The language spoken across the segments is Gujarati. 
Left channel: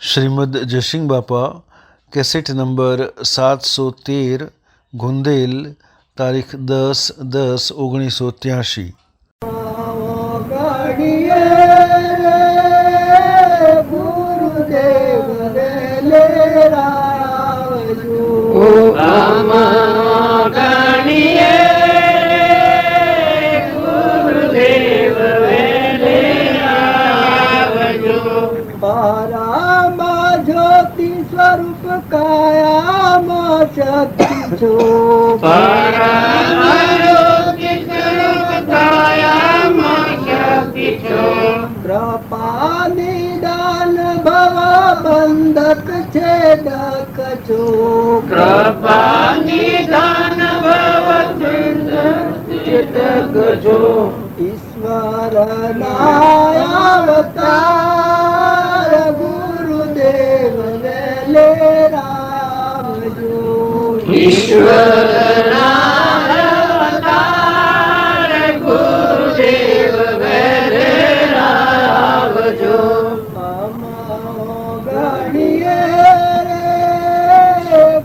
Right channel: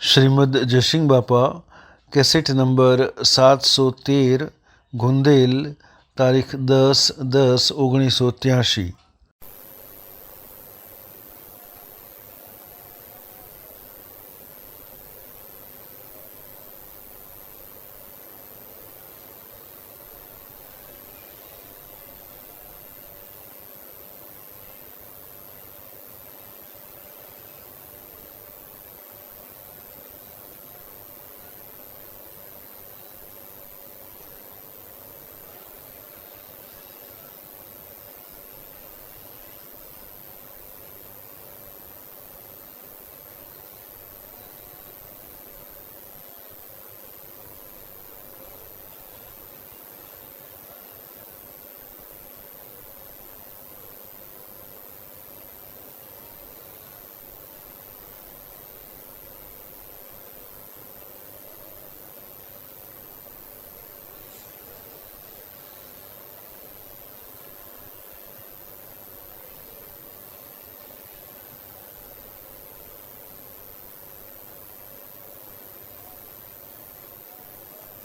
શ્રીમદ જયસિંહ બાપા, કેસેટ નંબર 713, ગુંદેલ, તારીખ 10/10/1983। સ્વરૂપ કાયામાં શક્તિ છો, કૃપા નિદાન ભવ બંધક છેદક છો, કૃપા નિદાન ભવ છેદક છો, ઈશ્વર ના અવતાર ગુરુદેવ વેલે રામજો, ઈશ્વર ના અવતાર ગુરુદેવ વેલે રામજો, ગણીએ રે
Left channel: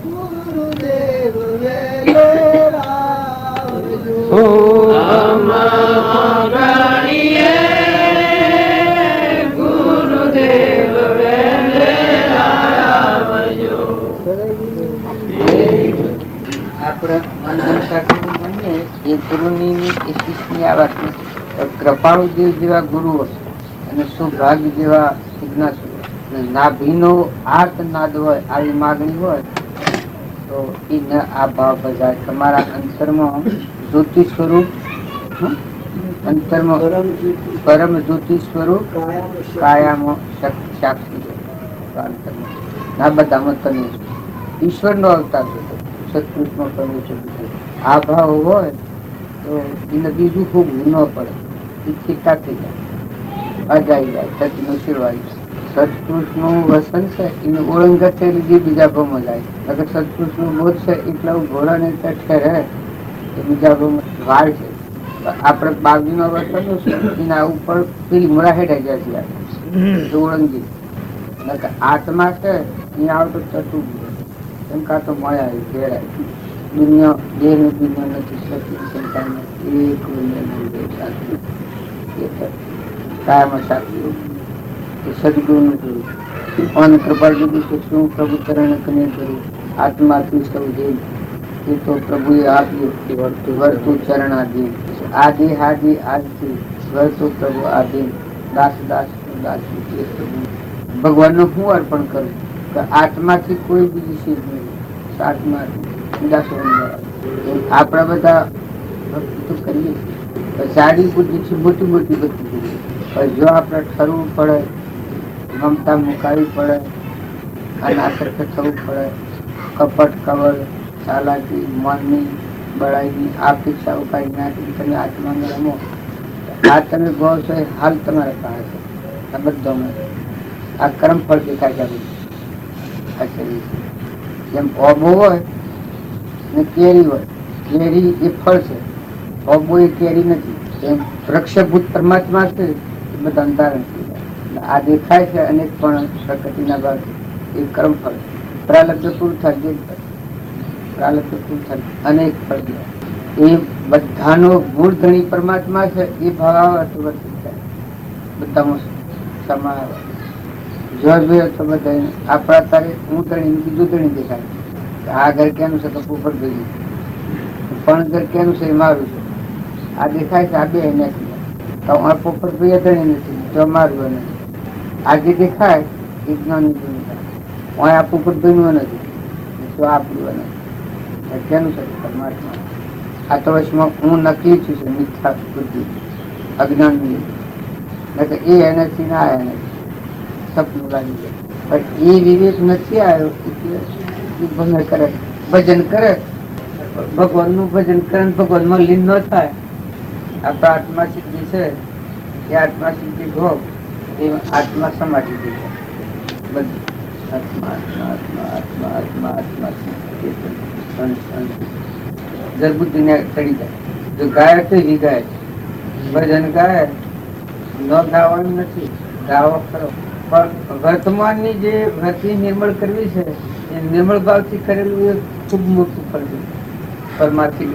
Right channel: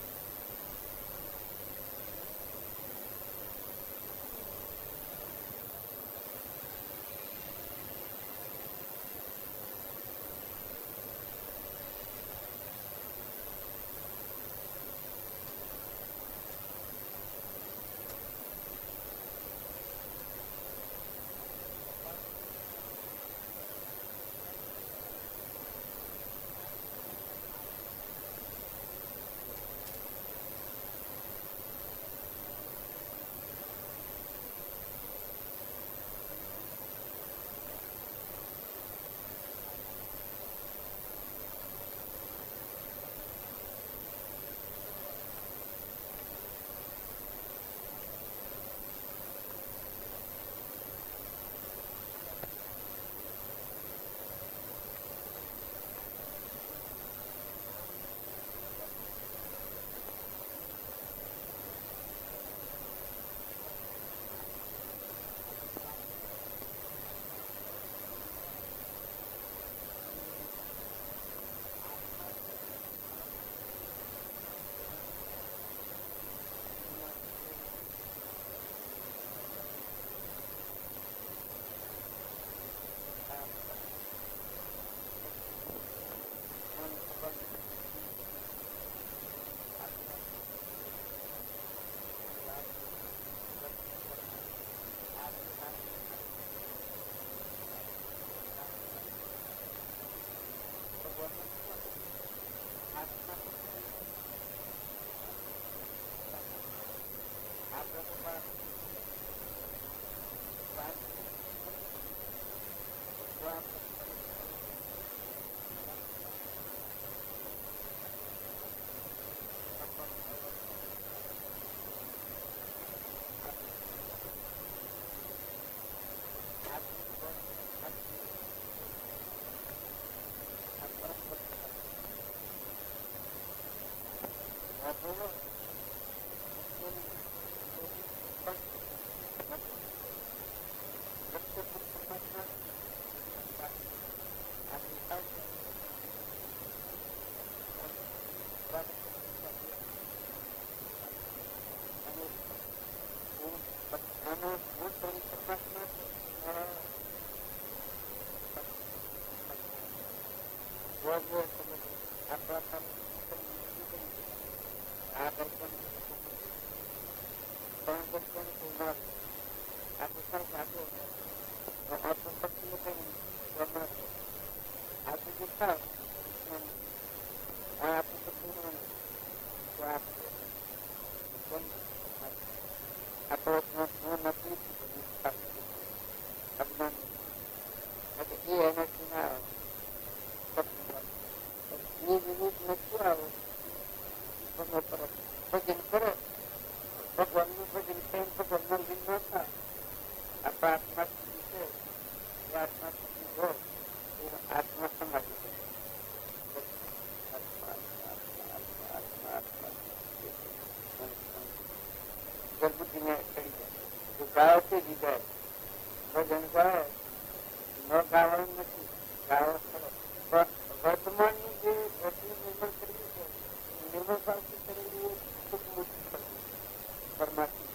ગુરુદેવ વેલે રામજો, કૃપાળુ દેવ જેવા ગુરુઓ અને સૌભાગ્ય જેવા જિજ્ઞાસુઓ, નાભીનો આર્ત નાદ હોય, આવી માગણી હોય તો એ ન આ ભાવ બજાય. તમારા અંતરમાં જ્યોતિ સ્વરૂપ, અંતરમાં પરમ જ્યોતિ સ્વરૂપ કાયામાં સાક્ષી ના બધામાં તમે ઈશ્વર નો અવતાર છે, સત્પુરુષમાં કરવું છે. આ ભાવ હોય તો એને બીજું ખૂબ ન પડે, ઈચ્છિતા થઈ જાય, અજાઈ જાય, સચનું શિરવાઈ જાય. સત્પુરુષ નું વસન છે એને ઓળંગ છે લીધી બીજા ભાવમાં જાય. અગર સત્પુરુષ નું બોધ છે એટલા ઘોડા ને ઠેરે બીજા ભાવમાં વાળ છે. આપણે બાગી નો વસન છે એના ઉપર પેલી મોડા હેઠાઈ જાય છે ઓળંગી. આત્મા છે એ આવતો થતું એમ કાં તો મળ્યા ઘેરાય. દુનિયા દેહ ની દુનિયા નથી શકતી સંતાનમાં એક કાયમાં સાચું સદગુરુ નું જોયું. અને કૃપા દીધી કે શું પ્રભુ ચરણ કને કર્યું આત્માથી સૌ દેવ એ તો પ્રભુએ આપ્યું વર્તું ચરણાધીન. આદિ હાદિ આજથી વર્તું પ્રભુ આધીન. દાસ દાસ દાસ ભગવાન નું હું અર્પણ કરું કે આત્માથી કોઈ બીજી ચીજ નહીં, આત્માથી આપણા બધા ભક્તિ કરીએ સારી બુદ્ધિ છે, મોટી મોટી ભક્તિ કરીએ. જો આપણે ઠરવું પડે, મમતા મુકાવી પડે, અનાસક્ત થવું પડે, કપટ કવર ચાલાકી મનની બળાઈની અપેક્ષાઓ કાઢી નાખી તમે આત્માને રમો. આ તમે ગો છો હાલ તમારે પાસે છે. આ બધામાં આ કર્મ ફળ દેખાય છે. જેમ ઓબો હોય ને કેરી હોય, કેરી એ ફળ છે, ઓબો એ કેરી નથી. એમ વૃક્ષભૂત પરમાત્મા છે એ બધા અંધારણ થઈ જાય. આ દેખાય છે અનેક પણ પ્રકૃતિના ભાગ એ કર્મ ફળ. પ્રાલબ્ધ પૂરું થાય, પ્રાલબ્ધ પૂરું થાય અનેક ફળ એ બધાનો મૂળ ધણી પરમાત્મા છે. એ ભાવ વર્તિત થાય બધામાં સમાય. જો જોઈએ તો બધા આપણા તારે હું ધણી બીજું ધણી દેખાય. આ ઘર કેનું છે તો પોપટ ભેગી, પણ ઘર કેનું છે મારું છે. આ દેખાય છે આ બે નથી તો પોપટ ભાઈ ધણી નથી તો મારું નથી. આ જે દેખાય એ જ્ઞાની થાય, આ પોપટ ભાઈ નું નથી તો આપણું નથી. કેનું છે પરમાત્મા. આ તો વર્ષમાં હું નકલી છું છે, મિથ્યા બુદ્ધિ અજ્ઞાન ની એ એનાથી ના આવ્યા નથી, સપનું લાગી જાય. પણ એ વિવેક નથી આવ્યો એટલે ભંગ કરે, ભજન કરે, ભગવાન નું ભજન કરે, ભગવાન માં લીન ન થાય. આપણા આત્મા સિદ્ધિ છે એ આત્મા સિદ્ધિ ભોગ એ આત્મા સમાધિ થઈ જાય. બધું આત્મા આત્મા આત્મા આત્મા આત્મા આત્મા જરબુદ્ધિ ને ચડી જાય. જો ગાય તો ગાય ભજન ગાય ન ગાવાનું નથી, ગાવો ખરો પણ વર્તમાનની જે વૃત્તિ નિર્મળ કરવી છે એ નિર્મળ ભાવથી કરેલું એ ખૂબ મોટું ફળ છે. પરમાર્થી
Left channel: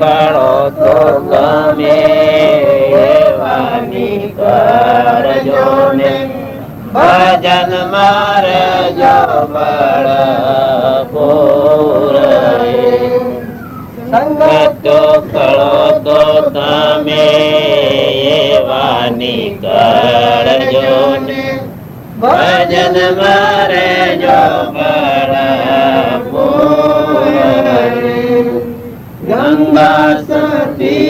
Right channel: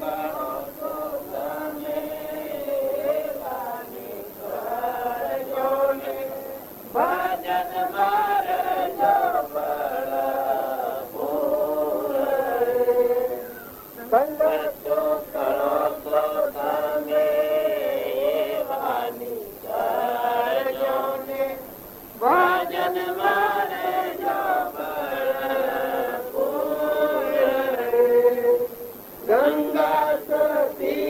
કરો તો તમે એવાની કરજો ને ભજન મારે જો બળ પૂરે સંગતો કરો તો તમે એવાની કરજો ને ભજન મારે જો બળ ગંગા સતી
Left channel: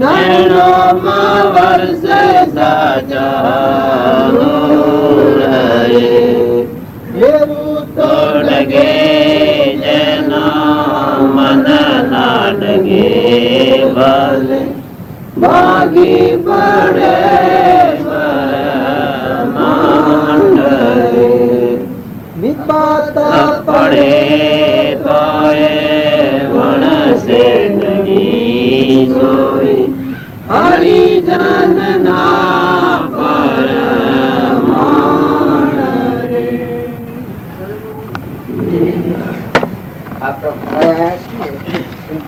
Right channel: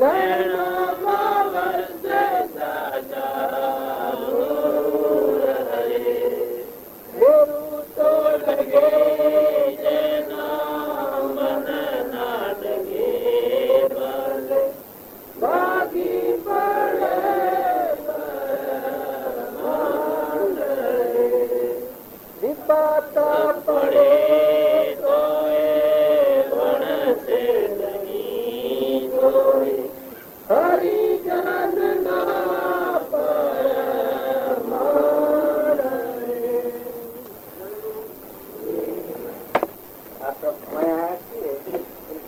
નૈનો માં વર્ષે તોડગે જેના મન નાડગે ભલે ભાગી પડે પડે તો એ વણસે નહીં જોઈ હરિજન ના પર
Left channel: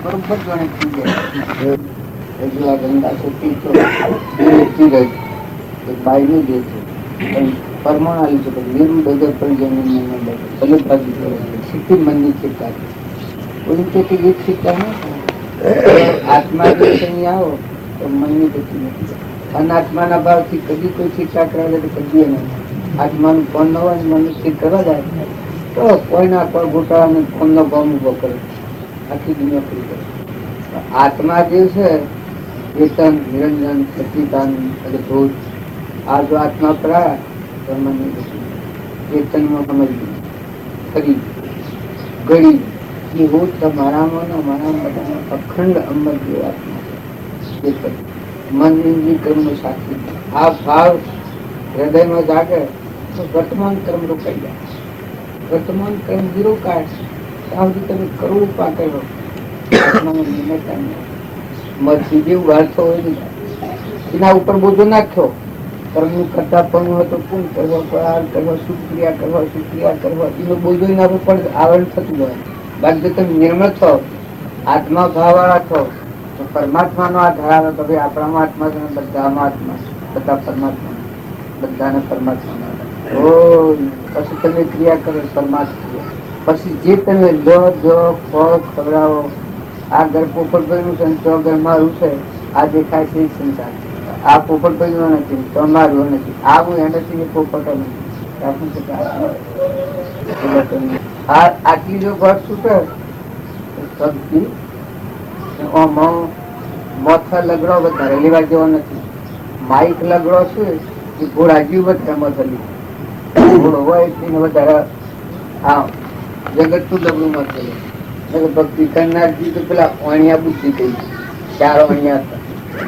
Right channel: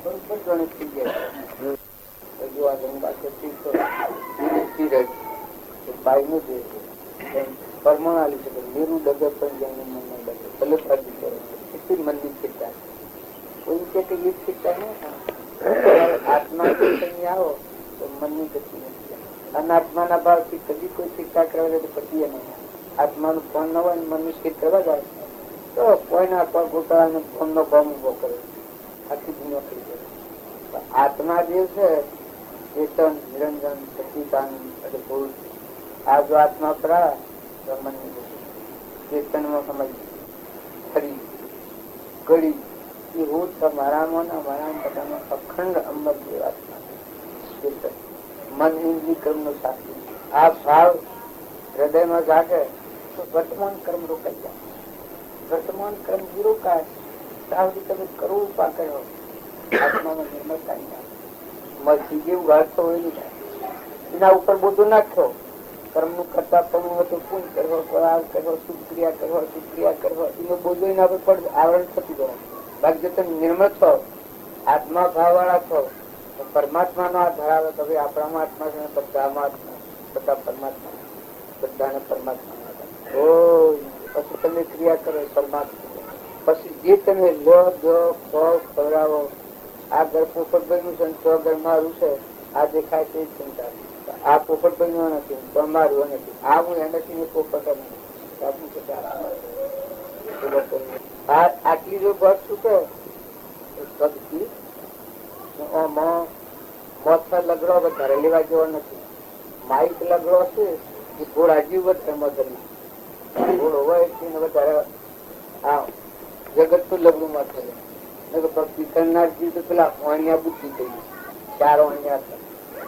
બરોબર જાણે થઈ જાય. હજુ આ ગંગા સતી તો બાઈ નું જે છે પણ પરમાણુ છે મેરુ ડગર પર જઈને ભલે ભાગી કરે સિદ્ધિ મનની ચિંતા કોઈ કે એક ચિંતા ના આત્મા જો અહીં આવો તો મનની ગતિ નથી. અનાત્માના ભાવથી કદી કોઈ શિક્ષા કરાવે તો કદી નહીં. આત્માનું કોણ ન હોય મનનું સ્થિર કરવા જાય તો કોઈના કોઈ ગોટાળાને કોમનો ભાવ ઉભો કરે આખી દુનિયા પૂરી કરે. આત્મા જે છે ચેતન નિરંજન સચિદાનંદ અદભુત આ જો આત્મા કરાય ચેતનમાં સમજવું ખરી ગળી એ હું તમારામાં બધામાં અખંડ અમર જે આત્મા ચેતન મન ઇન્દ્રિય કર્મનો સાક્ષી. આ ભાવ હૃદયમાં જાગે તો વર્તમાન કર્મ રોકાઈ જાય. વર્તમાન કર્મ વિરોકાય ત્યાં સુધી તમે કરોડ ઉપા કર્યો આત્મામાં નિર્ણયતા મરથી જેવું વાળતો હોય નહીં એના ઉપર બોજો નાખ્યો. કર્મનું કરતા પણ હતો પૂર્ણ કરવા પરાર કરવા સુક્રિયા કરવા એનો બોજો એના ઉપર આવરણ થતું જાય. બાકી તમે નિર્મળ છો આત્મા ભાવ વાળા છો તો પરમાત્માનો આ ધરાવે તો ભાઈ આપણામાં આત્મા છે બધામાં આત્મા બધા પરમાત્મા બધાને પરમાત્મા પછી તમે ક્રિયા કરો પરમાત્મા પછી જે તમે લો જો ફળ ખવડાવો આ ઘર પોપટભાઈનું છે તો ઘર મારું છે આ દેખાય છે સંસાર આ પોપટભાઈ નો નથી તમારું નથી આ હું એનાથી પોપટ નથી. આટલી જો ઘર છૂટે મોથા લગડો વધારે લેવા જેવો નથી. માઇક લગડો છે એ ઘોડા જીવ એમાં ચલી ઘોડો હોય એને વધારે હા જગત તો ડબલું માં ચલે. ભક્તિ કરનારજી તો પેલા અણિયા બુદ્ધિ થઈ ચારો અણિયા હતા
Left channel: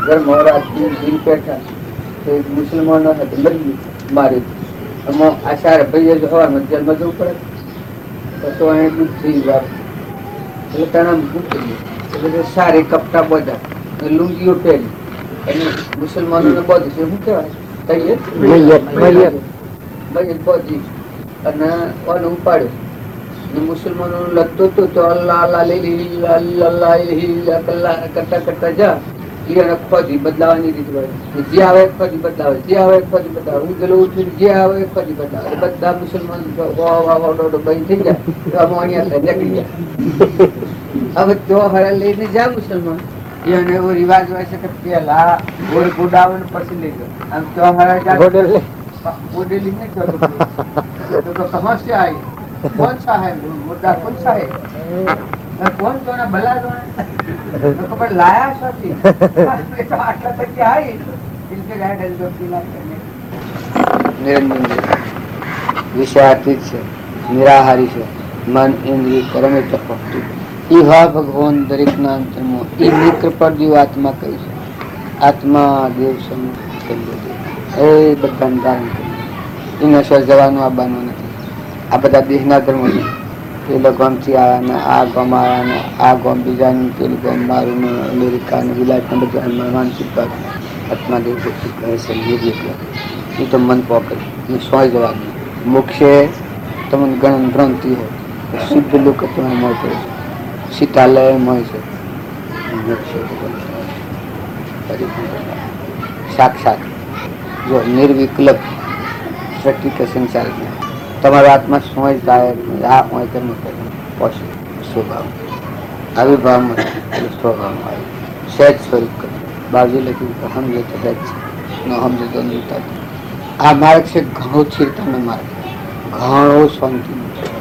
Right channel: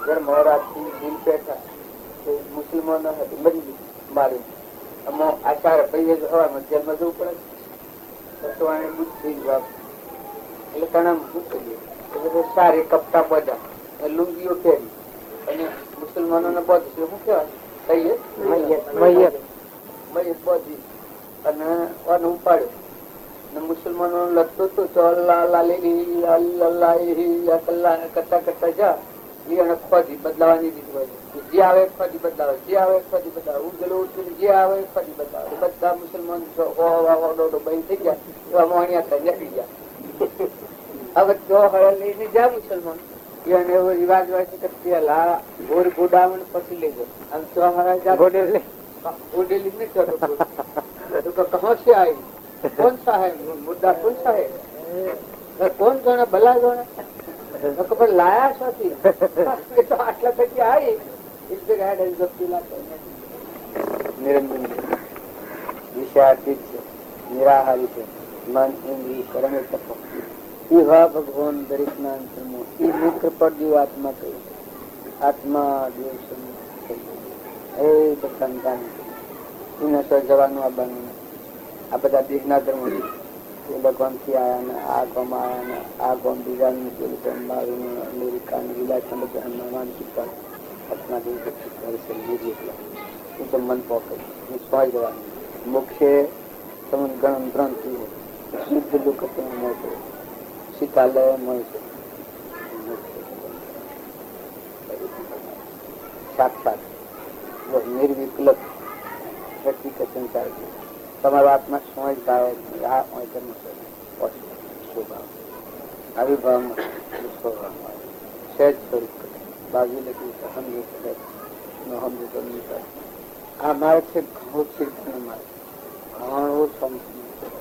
ઘર મોરા દિન પેઠા તો એક મુસલમાનો હતા બદલી મારી એમાં આશા ભાઈ હવામાં જેલમાં જવું પડે તો એને દુઃખ થઈ ગયું એટલે તણામ મૂકી એટલે સારી કપટા બધા લુંગીઓ પહેરી અને મુસલમાનો ને બધું શું કહેવાય બધી અને ઉપાડ્યું મુસલમાનો લગતો હતો તો અલ્લાહ કરતા કરતા જા ખોજી બદલાવાની રીત હોય જે આવે ખોજી બદલાવે જે આવે ખોજી બદલાવે ઉજલો જે આવે ખોજી બદલાવે બધા મુસલમાન બંધ થઈ ગયા તો આમાં અહીંયા નીકળી ગયા. હવે જો હરે લઈને જા મુસલમાન એને એવો રિવાજ હોય છે કે પેલા ગોળ ગોડાવણ પછી લઈ ગયો આમ તો હરા ગોડેલી નહીં થતો તો કહા સે આવી कौन सा है मुद्दा कौन सा है कौन जो ना भला जो ना कपड़े लाया साथी तो आटला तक के आई इनके गाइड एल जो पीला करने निरंजन विषयातीत છે નિરાહારી છે મન ઇન્દ્રિય કર્મે ચપકતું એ હા ભગવાન દરેકના અંતરમાં એ મિત્ર પર જીવાત્મા કહી છે. આત્મા દેવ એ બધાને ધારણ કરી એ નશો જવાનું આવવાનું નથી. આ બધા દેહના ધર્મો છે. પેલો ગામથી આવ્યા, આ ગામ આવ્યા, આ ગામ બીજાનું, પેલું ગામ મારું, અમેરિકા ને વિલાયત બધા માનસિક આત્માદેવ કહે છે. એ તો મન પોકડ સોય જવાનું. મોક્ષે તમને ગણ ગ્રંથિ હોય શુદ્ધ લોક તમને મળશે, શીતાલય મળશે. સાક્ષાત જો નિર્વિકલ્પ સૃષ્ટિ કે સંસાર તમારો આત્મા સોય જાય આ હોય તેમ પોષે સ્વભાવ આવિર્ભાવમાં સ્વભાવમાં આવે સહેજ સ્વરૂપ કરે. બાજુ લખ્યું કે સમજે તો સહેજ ન સમજે તો નહીં. આ માર્ગ છે ઘણો ચિંતાનો માર્ગ, ઘણો શાંતિ.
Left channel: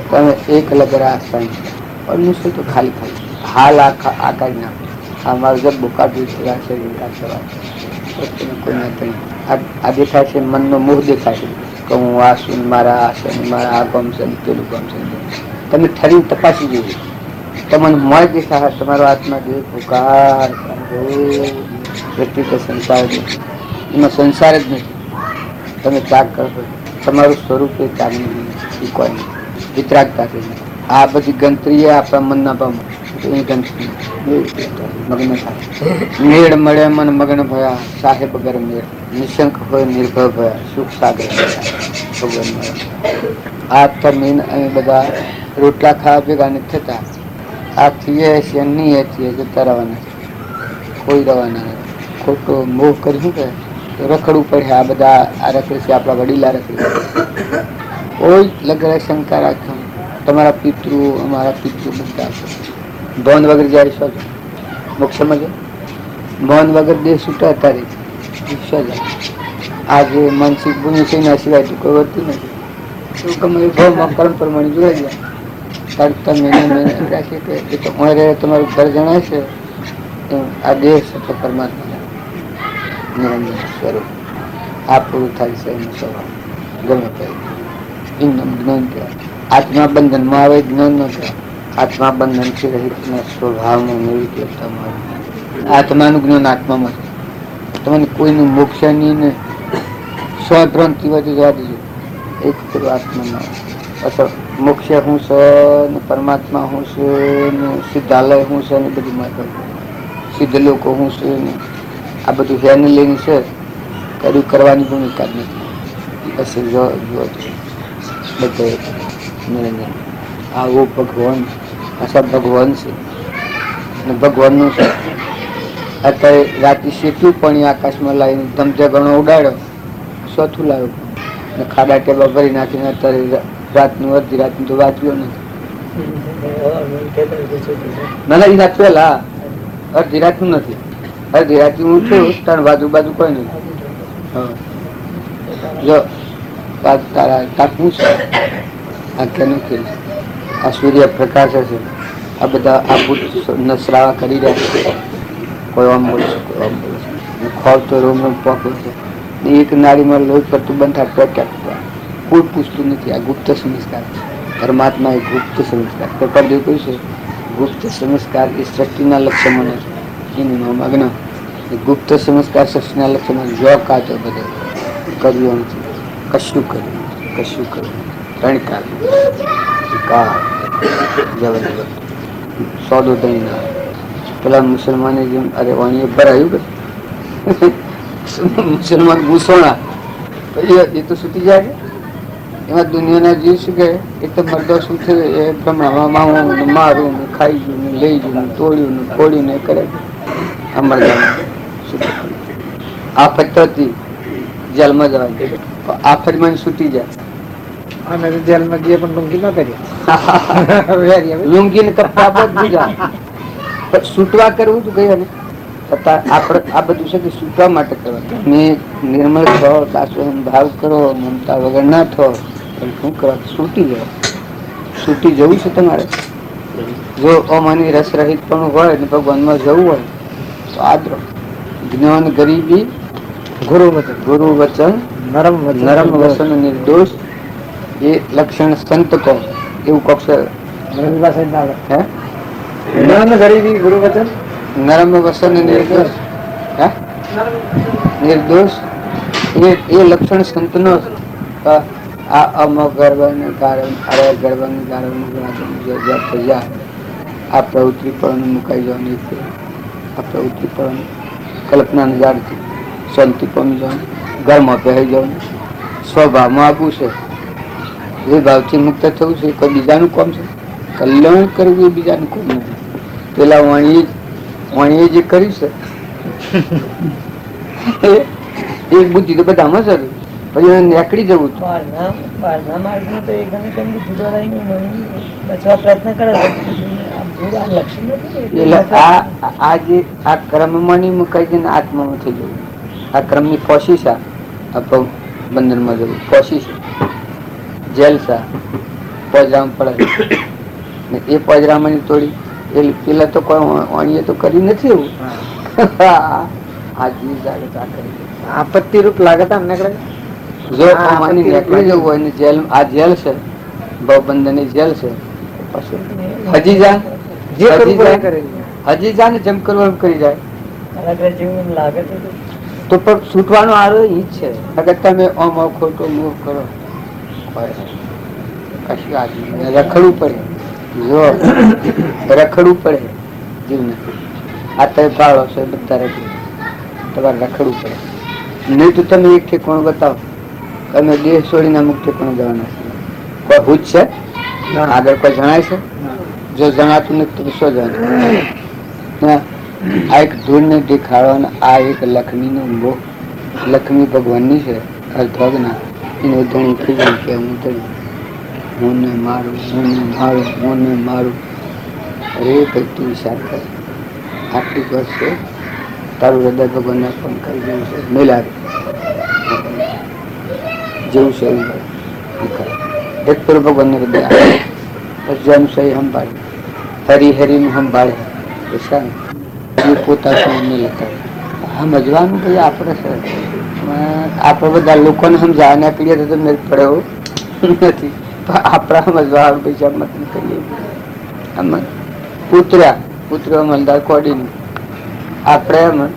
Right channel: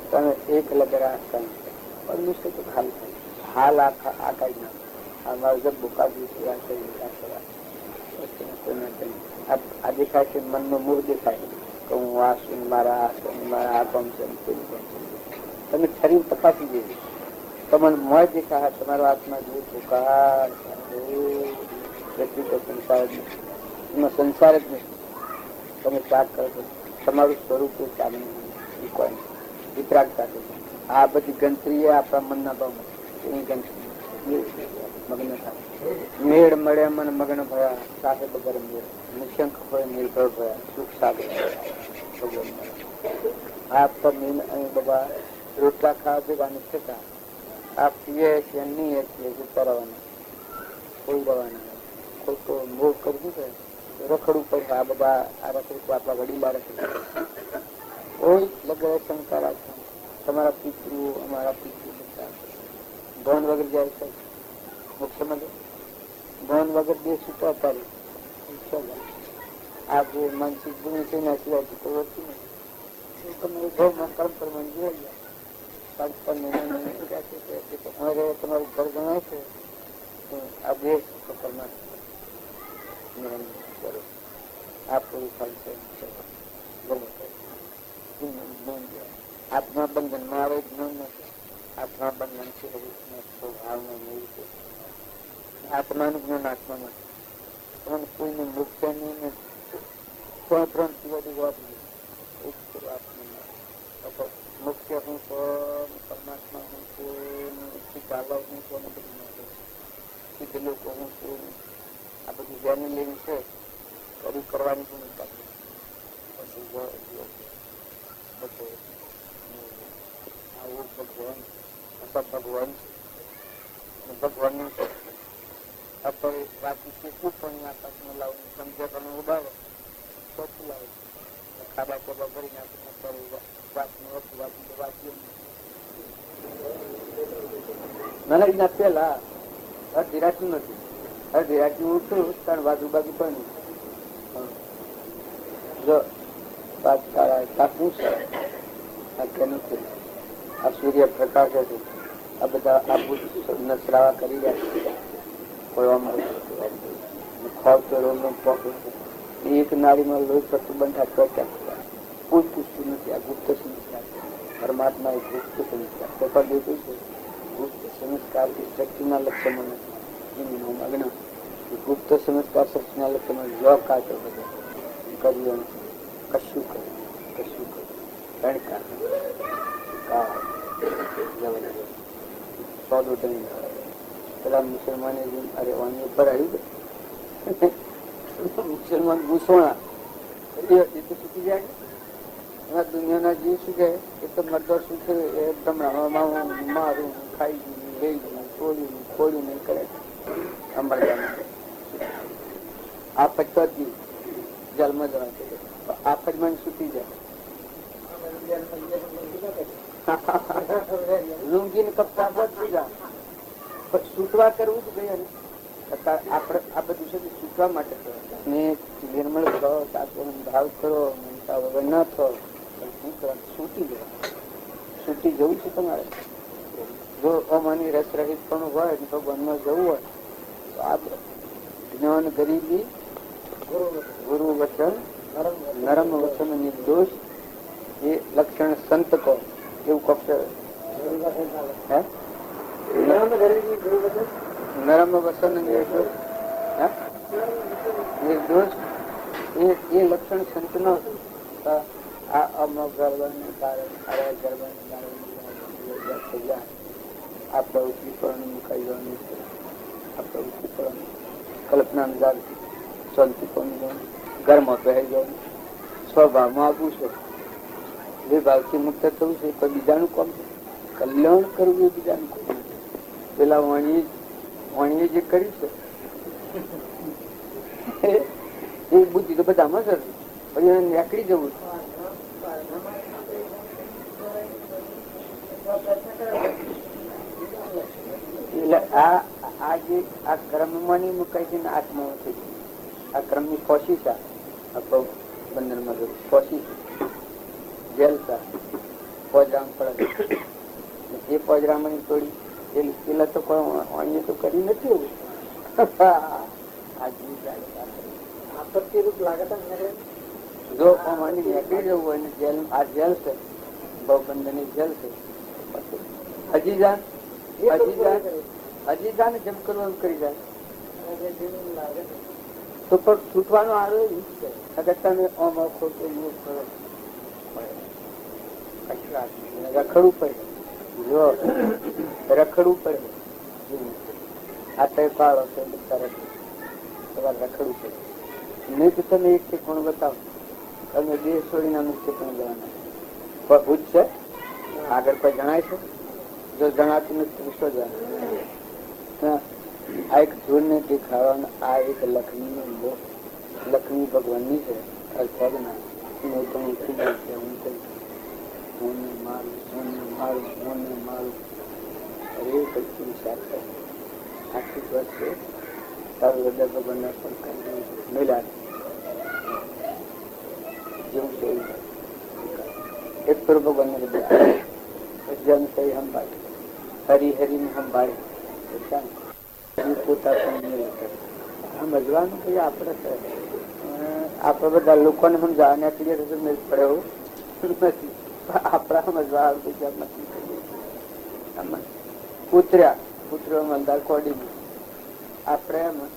તમે એક લગરા શાંતિ મનુષ્ય તો ખાલી ખાલી હાલ આકાર નાખો. આ માર્ગ જબ બોકાતું છે વિકાસ કરવા કોઈ નથી. આ દેખાય છે મનનો મોહ દેખાય છે કે હું આ છું, મારા આ છે, મારા આ ગમશે પેલું ગમશે. તમે ઠરીને તપાસી જોયું તમને મોય દેખાય તમારો આત્મા જે પુકાર વ્યક્તિ સંસાર જ નથી, એમાં સંસાર જ નથી. તમે ત્યાગ કરશો તમારું સ્વરૂપ એ ત્યાગ નહીં કોઈ નહીં. વિતરાગતા આ બધી ગંત્રી આપણા મનના ભાવમાં મગ્ન થાય. મેળ મળે મન મગ્ન ભયા સાહેબ ગર મેળ નિશંક હોય નિર્ભય ભયા સુખ સાગર ભગવાન મળ્યા. આ તમીન અમે બધા રોટલા ખાવા ભેગા નથી થતા. આ થઈએ છે નહીં થઈએ જતા રવાના કોઈ રવાના નથી. ખોટો મોહ કર્યું કે રખડવું પડે. આ બધા આ રખડે છે આપણા વડીલા રખડે. કોઈ લગ્ન શંકા રાખ્યો તમારા પિતૃ અમારા પિતૃ બધા ભવન વગર જાય શું મોક્ષમાં જાય. ભવન વગર દેહ છૂટા તારે જાય. આજે માનસિક ભૂમિ છે ના સિવાય તો કોઈ વધતું નથી. શું ગમે ભાવમાં કર્મ પ્રમાણે જોડાઈ જાય. તડતા મહિના રાખે કે એ તો અમારે તમારું ઘર જણાય છે આ દેહ છે પરમાત્મા નિરંજન સ્વરૂપ. આ પૂરું થાય છે એનો સ્વભાવ ગમે તે જ્ઞાન કહેવાય. આત્મા બંધનમાં આવે જ્ઞાન ન કહેવાય. આત્મા બંધન થી રહિત સ્વભાવમાં નિર્વિકલ્પતામાં આત્માનું જ્ઞાન આત્મામાં છે. તમને કોઈનું મોક્ષ નહીં ને સ્વભ્રાંતિ વધી જવા દીધું. એક પેલું આત્મામાં અસર મોક્ષ હું છે ને પરમાત્મા હું છે ને સિદ્ધાલય હું છે ને બધી માતા સિદ્ધ લોકો હું છે ને આ બધું હેને લઈને છે કર્યું કરવાની ભૂમિકા જ નથી. બસ જો બધે નિરંજન આવો ભગવાન આ ભગવાન છે ને ભગવાનનું છે. અત્યારે રાતે શેટ્યું પણ આકાશમાં લાવીને ધમધે ઘણો ઉડાડ્યો ચોથું લાવ્યો ને ખાડા ટેબા ભરી નાખીને અત્યારે રાતનું અડધી રાતનું તો વાંચ્યો નથી. ના પેલા અડધી રાતનું નથી. અડધી રાત હું છું 3 બાજુ કોઈ નહીં. જો તારા તાપવું છે આ કેનું ખેલ છે. આ સૂર્ય પ્રકાશ છે. આ બધા આ ભૂત નસરાવા કરી રહ્યા છે. કોઈ આમ બોલશે કોઈ આમ બોલશે. ખોળ તો રોમ રોમ પોકે છે. એક નારીમાં લોહી પડતું બંધ થાય કોઈ પૂછતું નથી. આ ગુપ્ત સંસ્કાર પરમાત્મા એ ગુપ્ત સંસ્કાર પેપર જેવું કહ્યું છે. ગુપ્ત સંસ્કાર એ સૃષ્ટિના લક્ષ્યમાં નથી. એનું મગ્ન એ ગુપ્ત સંસ્કાર સૃષ્ટિના લક્ષ્યમાં જો કાચો બધે કર્યું નથી. કશું કર્યું 3 કાળ જબરદસ્ત સોદો દઈ ના પેલા મુસલમાને જેમ અરે વાણીએ ભરાયું કે મુસલમાન ઘૂસોણા એ તો છૂટી જાય. એમાં દુનિયાના જીવ શું કહે એ તો મરદો શું થયું એ ભ્રમણામાં હું મારું ને ખાઈ ગયું ને લઈ ગયું ને તોડ્યું ને ફોડ્યું ને કરે. આ મરદામાં આફત હતી જેલમાં જવા આફતમાં છૂટી જાય. જેલમાં ગયે પણ લુંગી ન કરી લુંગી ને કપડા બધું જાય પણ છૂટવા કરવું જ ગયા ને આપણે આ બધું છે કે છૂટવા માટે કરવા. તમે નિર્મળ થો, દાસોહન ભાવ કરો, મમતા વગર ના થો પણ શું કરવા છૂટી જાવ. છૂટી જવું છે તમારે. જો અમાની રસ રહિત પણ હોય ને ભગવાનમાં જવું હોય તો આદરો જ્ઞાન ગરીબી ગુરુ વચન નરમ વચન નિર્દોષ એ લક્ષણ સંત કહો એવું કક્ષ જ્ઞાન ગરીબી ગુરુ વચન નરમ વસન નિર્દોષ, હે? નિર્દોષ એ લક્ષણ સંતનો આ અમગર્ભને કારણ અરે ગર્ભને કારણ આ પ્રવૃત્તિ પણ મુકાઈ જવાની છે. આ પ્રવૃત્તિ પણ કલ્પના નજારથી શાંતિ પામી જવાનું, ઘરમાં પહેરી જવાનું, સ્વભાવમાં આપવું છે. જે ભાવથી મુક્ત થવું છે કોઈ બીજાનું કામ છે. કલ્યાણ કરવું એ બીજાનું કામ નથી. પેલા વાણીએ જે કર્યું છે એ બુદ્ધિ તો બધામાં છે, પછી એને નીકળી જવું એટલે આ જે આ ક્રમમાં નહીં મુકાય છે ને આત્મામાં થઈ જવું. આ ક્રમ ની કોશિશ આ બંધન માં જવું કોશિશ જેલ સા પોજરામ પડે ને એ પોજરામાં તોડી એ પેલા તો કોઈ વાણીએ તો કરી નથી એવું. આ જીવ જાગૃત આ કરી આપત્તિ રૂપ લાગે તા અમને જો માની નીકળી જવું હોય ને જેલ આ જેલ છે ભવબંધન ની જેલ છે પછી હજી જા હજી જા ને જેમ કરવાનું કરી જાય તો પણ છૂટવાનો આરો ઈ જ છે. અગર તમે ઓમ ખોટો મોહ કરો કશું આદમી રખડવું પડે. જો રખડવું પડે જીવને આ તમે પાડો છો બધા રખડવું તમારે રખડવું પડે. નહીં તો તમે એક ઠેકાણું બતાવો તમે દેહ છોડીને અમુક ઠેકાણું જવાના છે. કોઈ ભૂત છે આગળ કોઈ જણાય છે? જો જણાતું નથી તો શું જણાય? આ એક ધૂળ ને દેખાડવાનો આ એક લક્ષ્મી નો મોહ. લક્ષ્મી ભગવાન ની છે અર્ધના એને ધણી થઈ ગઈ કે હું ધણી હું ને મારું હું ને મારું હું ને મારું. અરે ભાઈ તું વિચાર કર આટલી વર્ષ છે તારું હૃદય ભગવાનને પણ કરી દેવું છે મેલા જેવું છે એવું એક પૂર્વ ભગવાનને હૃદય જન સહી સંભાળે હરિહરિનું સંભાળે પોતા લેતા સમજવાનું ભાઈ આપણે છે. આપણે બધા લોકોને સમજાવવા નીકળીએ તો મેળ પડે એવું નથી. આપણા સમજવા પૈસા મત કરીએ પુત્ર અમલદાર કોડીનું આપણે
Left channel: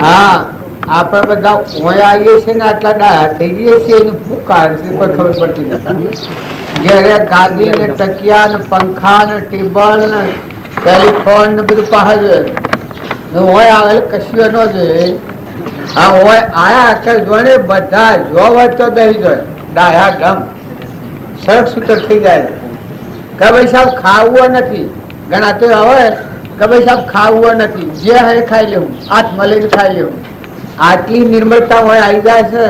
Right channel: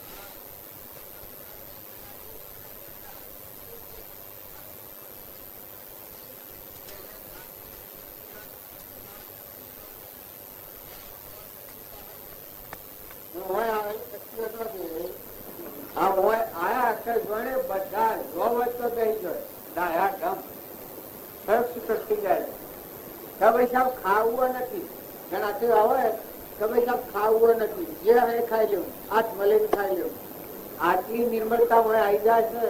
હા આપડે બધા ઓય આવીએ છીએ ને આટલા ડાયા થઈ ગઈએ છીએ એનું શું કારણ છે કોઈ ખબર પડતી નથી. ઘેરે ગાદી ને તકિયા ને પંખા ને ટેબલ ને ટેલિફોન ને બધું પહાડ હોય આવેલ કશું ન જોઈએ. હા હોય આયા અક્ષર જોડે બધા જો હોય તો દહી જોઈએ ડાયા ગમ સરસ સૂત્ર થઈ જાય કે ભાઈ સાહેબ ખાવું નથી. ઘણા તો હવે કે ભાઈ સાહેબ ખાવું નથી જે હવે ખાઈ લેવું હાથ મળીને ખાઈ લેવું. આટલી નિર્મળતા હોય આવી જાય છે.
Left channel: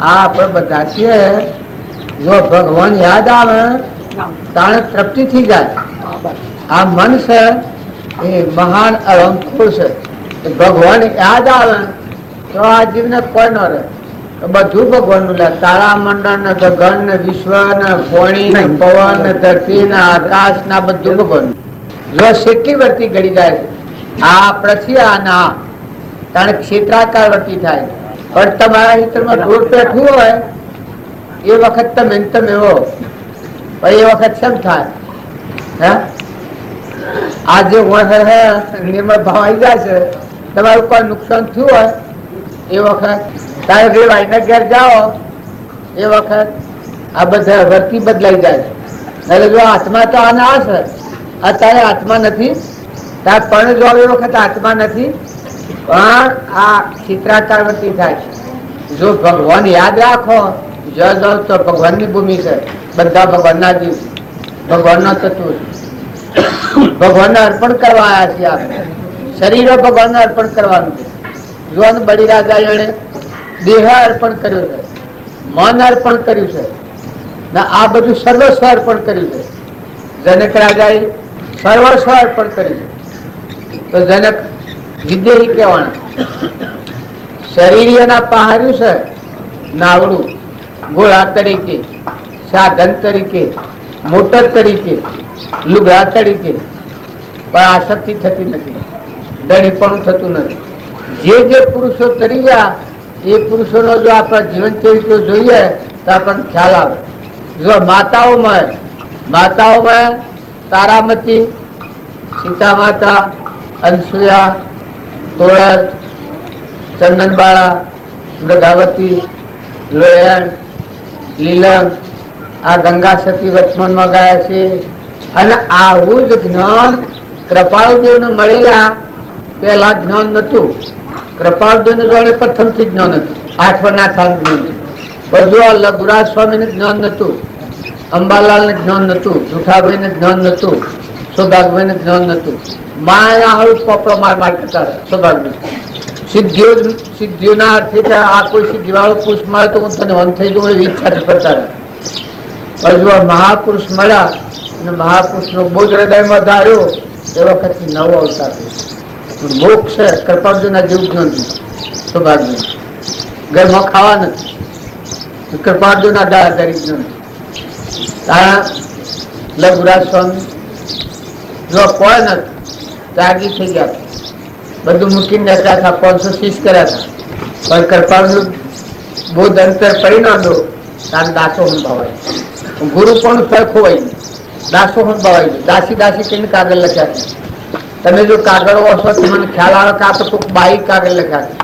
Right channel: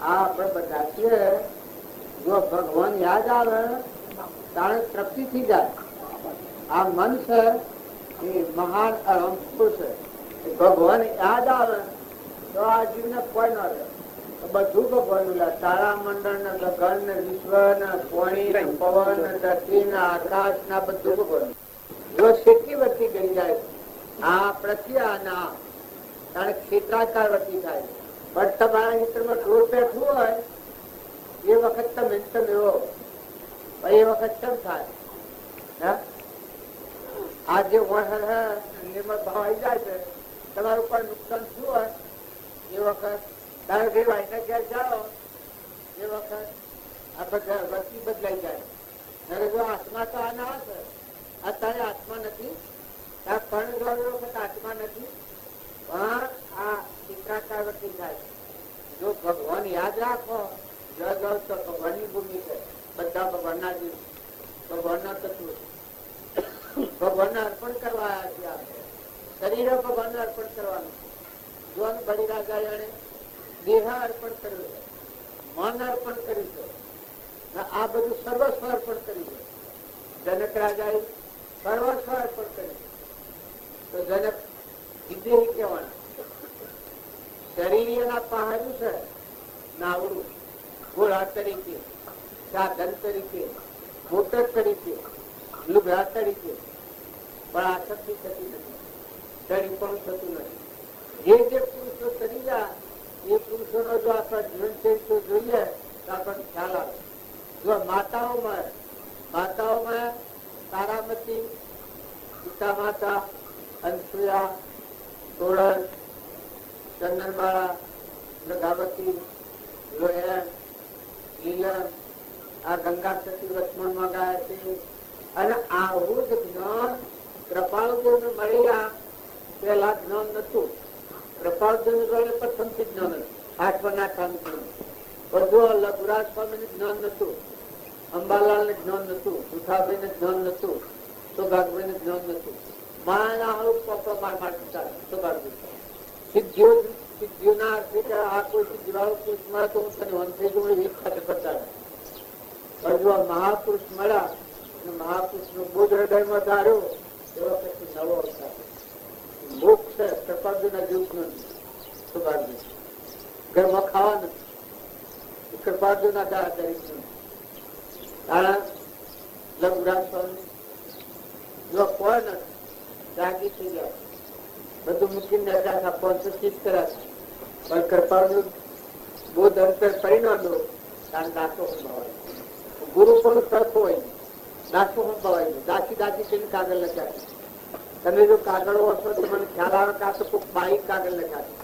આ આપણે બધા છીએ જો ભગવાન યાદ આવે તાણે તૃપ્તિ થઈ જાય. આ મન છે એ મહાન અહંખુર છે. ભગવાન યાદ આવે તો આ જીવને કોઈ ન રહે. બધું ભગવાન નું લે તારા મંડળ ને ગગન ને વિશ્વ ને પાણી ને પવન ને ધરતી ને આકાશ ના બધું ભગવાન. જો કેટલી વર્તી ઘડી જાય છે આ પૃથ્વી આ તાણે ક્ષેત્રાકાર વર્તી થાય. પણ તમારા હિતરમાં ઢોર પેઠું હોય એ વખત તમે એવો એ વખત શેમ થાય? હે આજે નિર્મળ ભાવ આવી જાય છે તમારું કોઈ નુકસાન થયું હોય એ વખત તારે જે ભાઈને ઘેર જાઓ એ વખત આ બધા વર્તી બદલાઈ જાય. એટલે જો આત્મા તો આને આ છે અત્યારે આત્મા નથી તાર પણ જો એ વખત આત્મા નથી પણ આ ચિત્રાકાર વર્તી થાય છે. જો ભગવાન યાદ રાખો જો જાઓ તો ભગવાન ની ભૂમિ છે. બધા ભગવાન ના જીવ ભગવાન ના તત્વ ભગવાન ને અર્પણ કરવા આવ્યા છીએ. આપણે શરીરો ભગવાન ને અર્પણ કરવાનું છે. જોવાનું બળી રાજા એને દેહ અર્પણ કર્યું છે, મન અર્પણ કર્યું છે ને આ બધું સર્વસ્વ અર્પણ કર્યું છે. જનક રાજાએ સર્વસ્વ અર્પણ કર્યું છે. તો જનક વિદેહી કહેવાના શરીરના પહાર્યું છે નાવડું ઘોડા તરીકે, સાધન તરીકે, મોટર તરીકે, લુગડા તરીકે, પણ આસક્તિ થતી નથી. ધણી પણ થતું નથી. જે પુરુષો તરી ગયા એ પુરુષોનો જો આપણા જીવન ચરિત્ર જોઈએ તો આપણને ખ્યાલ આવે. જો માતાઓમાં તારામતી, સીતા માતા, અનસુયા, તોળર, ચંદનબાળા, મૃગાવતી, લોયણ, લીલમ, આ ગંગા સતી વચમનમાં ગયા છે. અને આવું જ જ્ઞાન કૃપાળુદેવ ને મળેલા પેલા જ્ઞાન નતું. કૃપાળુદેવ ને જોડે પ્રથમથી જ્ઞાન હતું, 8 ના જ્ઞાન હતું. બધું લઘુરાજ સ્વામી ને જ્ઞાન નતું, અંબાલાલ ને જ્ઞાન નતું, જુઠાભાઈ ને જ્ઞાન નતું, સૌભાગભાઈ ને જ્ઞાન નતું. માયા હળું પોપડો માર કરતા સૌભાગભાઈ સિદ્ધિઓના અર્થે આ કોઈ સિદ્ધિવાળો પુરુષ મળે તો હું તને વન થઈ જવું એવી ઈચ્છા કરતા હતા. હજુ આ મહાપુરુષ મળ્યા અને મહાપુરુષ નો બોધ હૃદયમાં ધાર્યો એ વખત નવો અવતાર મોક્ષ છે. કૃપાળુના જેવું જ નથી. સૌભાગભાઈ ઘરમાં ખાવા નથી, કૃપાળુના દાદારી જ નથી. લઘુરાજ સ્વામી જો કોઈ નથી ત્યાગી થઈ ગયા, બધું મૂકીને બેઠા હતા, 530 કર્યા હતા. પણ કૃપાળુનું બોધ અંતર પરિણામ્યો તારે દાસો સંભાવાય. ગુરુ પણ ખોવાઈ ગયું, દાસો સંભાવાઈ ગયું. દાસી કહીને કાગળ લખ્યા છે. તમે જો કાગળ વાંચો તો મને ખ્યાલ આવે કે આ તો કોઈક બાઈ કાગળ લખ્યા છે.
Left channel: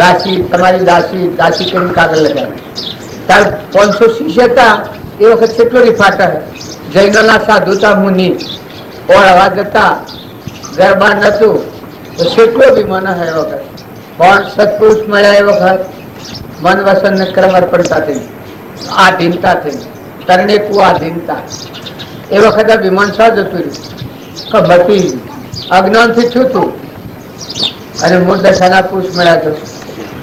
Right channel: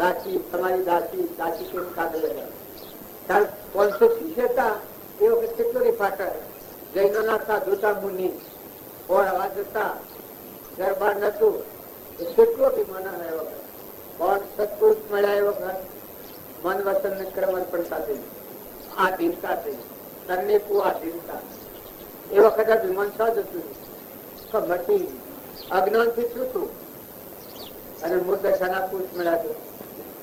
દાસી તમારી દાસી કહીને કાગળ લખ્યા છે. ત્યારે 530 હતા એ વખત કેટલો રિફાટા જૈનોના સાધુતા મુનિ ઓળવા જતા, ગરબા નતું તો કેટલો બી મન હે વખત. પણ સત્પુરુષ મળ્યા એ વખત મન વસન ને ક્રમ અર્પણતા થઈ, આધીનતા થઈ, તરણેકુ આધીનતા. એ વખતે વિમાનસા જતું રહ્યું, બતી અજ્ઞાનથી છૂતું અને મૂળદશાના પુરુષ મળ્યા તો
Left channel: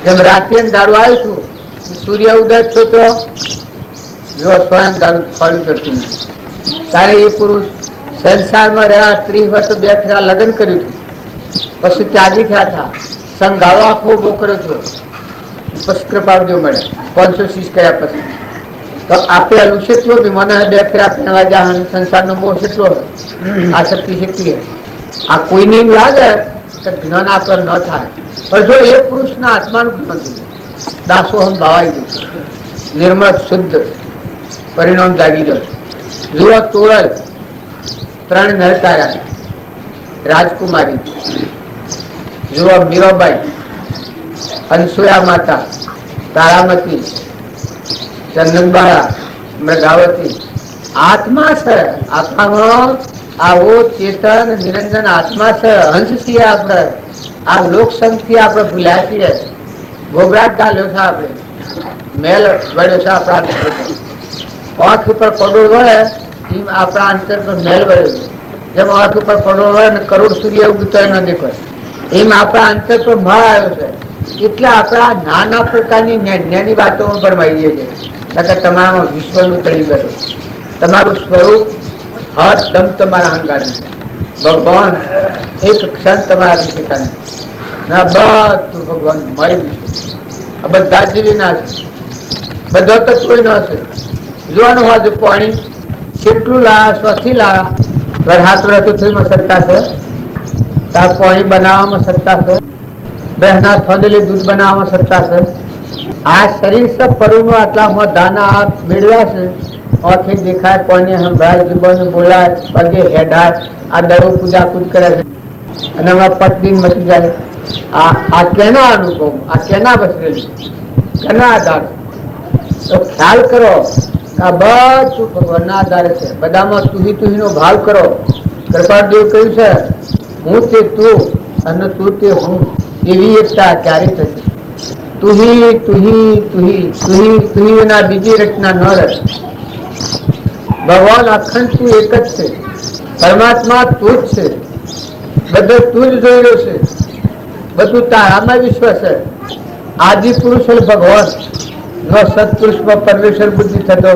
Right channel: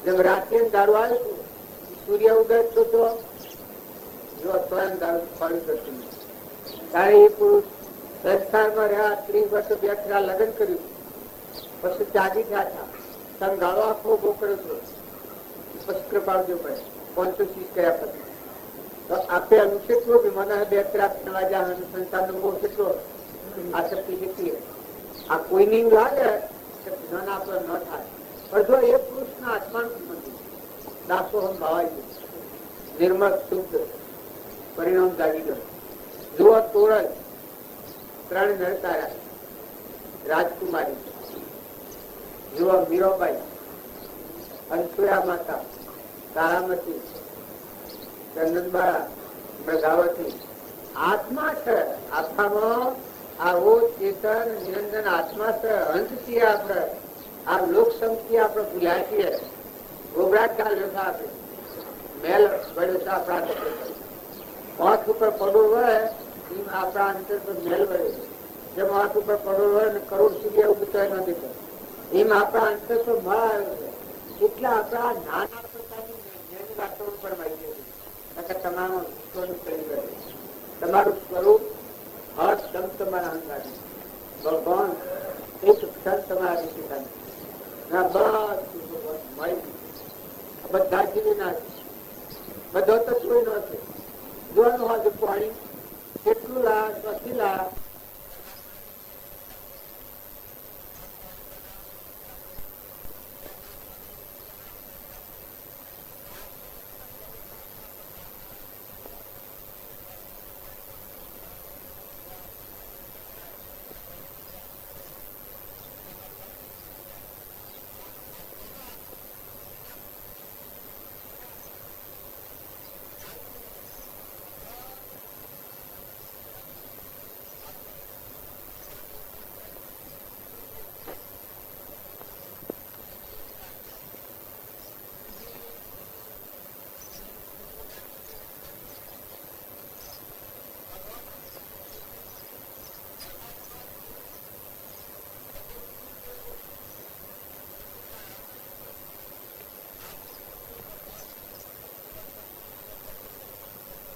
જેમ રાત્રે દારૂ આવ્યું હતું, સૂર્ય ઉદય થતો જો સ્વયં દારૂ ફળ કરતું નથી. તારે એ પુરુષ સંસારમાં રહ્યા 30 વર્ષ 2 ફેરા લગ્ન કર્યું હતું, પછી ત્યાગી થયા હતા, સંઘાળો આખો બોકરો થયો, પછી કૃપાળુદેવ મળ્યા 530 કર્યા પછી. તો આપેલું કેટલો બી મને 2 ફેરા પહેરવા જા, સંસારનો મોહ કેટલો આ શક્તિ આ કોઈને એમ લાગે કે જ્ઞાન આપણ ન થાય. પણ જો એ પુરુષના આત્માનું જ્ઞાન થયું, દાસોહમ ભાવાઈ ગયું, નિર્મળ શુદ્ધ પરિણામ જાગી ગયું. જુઓ તોરલ 3 નરતારા, રાજકુમારી, જુઓ મીરાબાઈ, અનસુયા માતા, તારામતી, ચંદનબાળા, મૃગાવતી. આત્મા છે આત્મામાં, આવો ચેતન નિરંજન આત્મા છે. હંસ છીએ આપણે, આ લોકસંગથી આપણે ભૂલ્યા છીએ, ઘોઘરાટ ગાલ્યો છે આપણે, મેલ વળ્યો છે આપણા આંખ ઉપર કરોડ વળે એમ આપણા અંતર પર મેલ વળ્યો છે. જેમ આંખ ઉપર કરોડ વળે ને કરોડ સૂર્ય ઉગતો ન દેખાય એમ આપણા અંતર પર મળ આવ્યો છે. એટલે આપણા નાના પ્રકારની જ્ઞાની વાતોમાં ભરમાઈએ છીએ. તમારા વિશ્વનું તળી ગયું, તમારું સ્વરૂપ હરદમ તમારા અંગાનું ભગવાન એક ક્ષણ તમારા શીખાને ના બધું ભગવાન મળી ગયું. આ બધા જીવીના છે, બધા તત્વો ન છે. જોવાનું હોય પાણી કેટલું લાયા, સ્વથી લાયા, વરસાદ ઋતુમાં સત્તા છે, તાર પાણી બનાવવામાં સત્તા છે, બહેના થોડેલી દૂધ બનાવવામાં સત્તા છે. આ શરીર સબ પરુનો આટલા દાના મેળવ્યા છે. આંખે દેખાય, કોઈને સંભળાય, જીવન બોલાય, પગે હેડાય, આ દરો પૂજા કૂદ કરે છે અને હમણાં પટદીન મચી જાય. આ કેના અનુભવ, આ કેના બસરેલી, કેના આધાર? તો ખ્યાલ કરો આ બધું ભગવાનના આધારે છે. બધામાં તુહી નો ભાવ કરો. કૃપાળુદેવ કહ્યું છે હું તે તું અને તું તે હું, એવી એકતા ક્યારે થશે? તુહી તુહી તુહી તુહી તુહી વિના બીજી રચના ન રહે. ભગવાન અખંડ તું એક જ છે, પરમાત્મા તું જ છે, બધું તું જ જોઈ રહ્યો છે, બધું તારામાં વિશ્વ છે. આદિ પુરુષ ભગવાન નો સત્પુરુષમાં પરમેશ્વર બુદ્ધિ થતો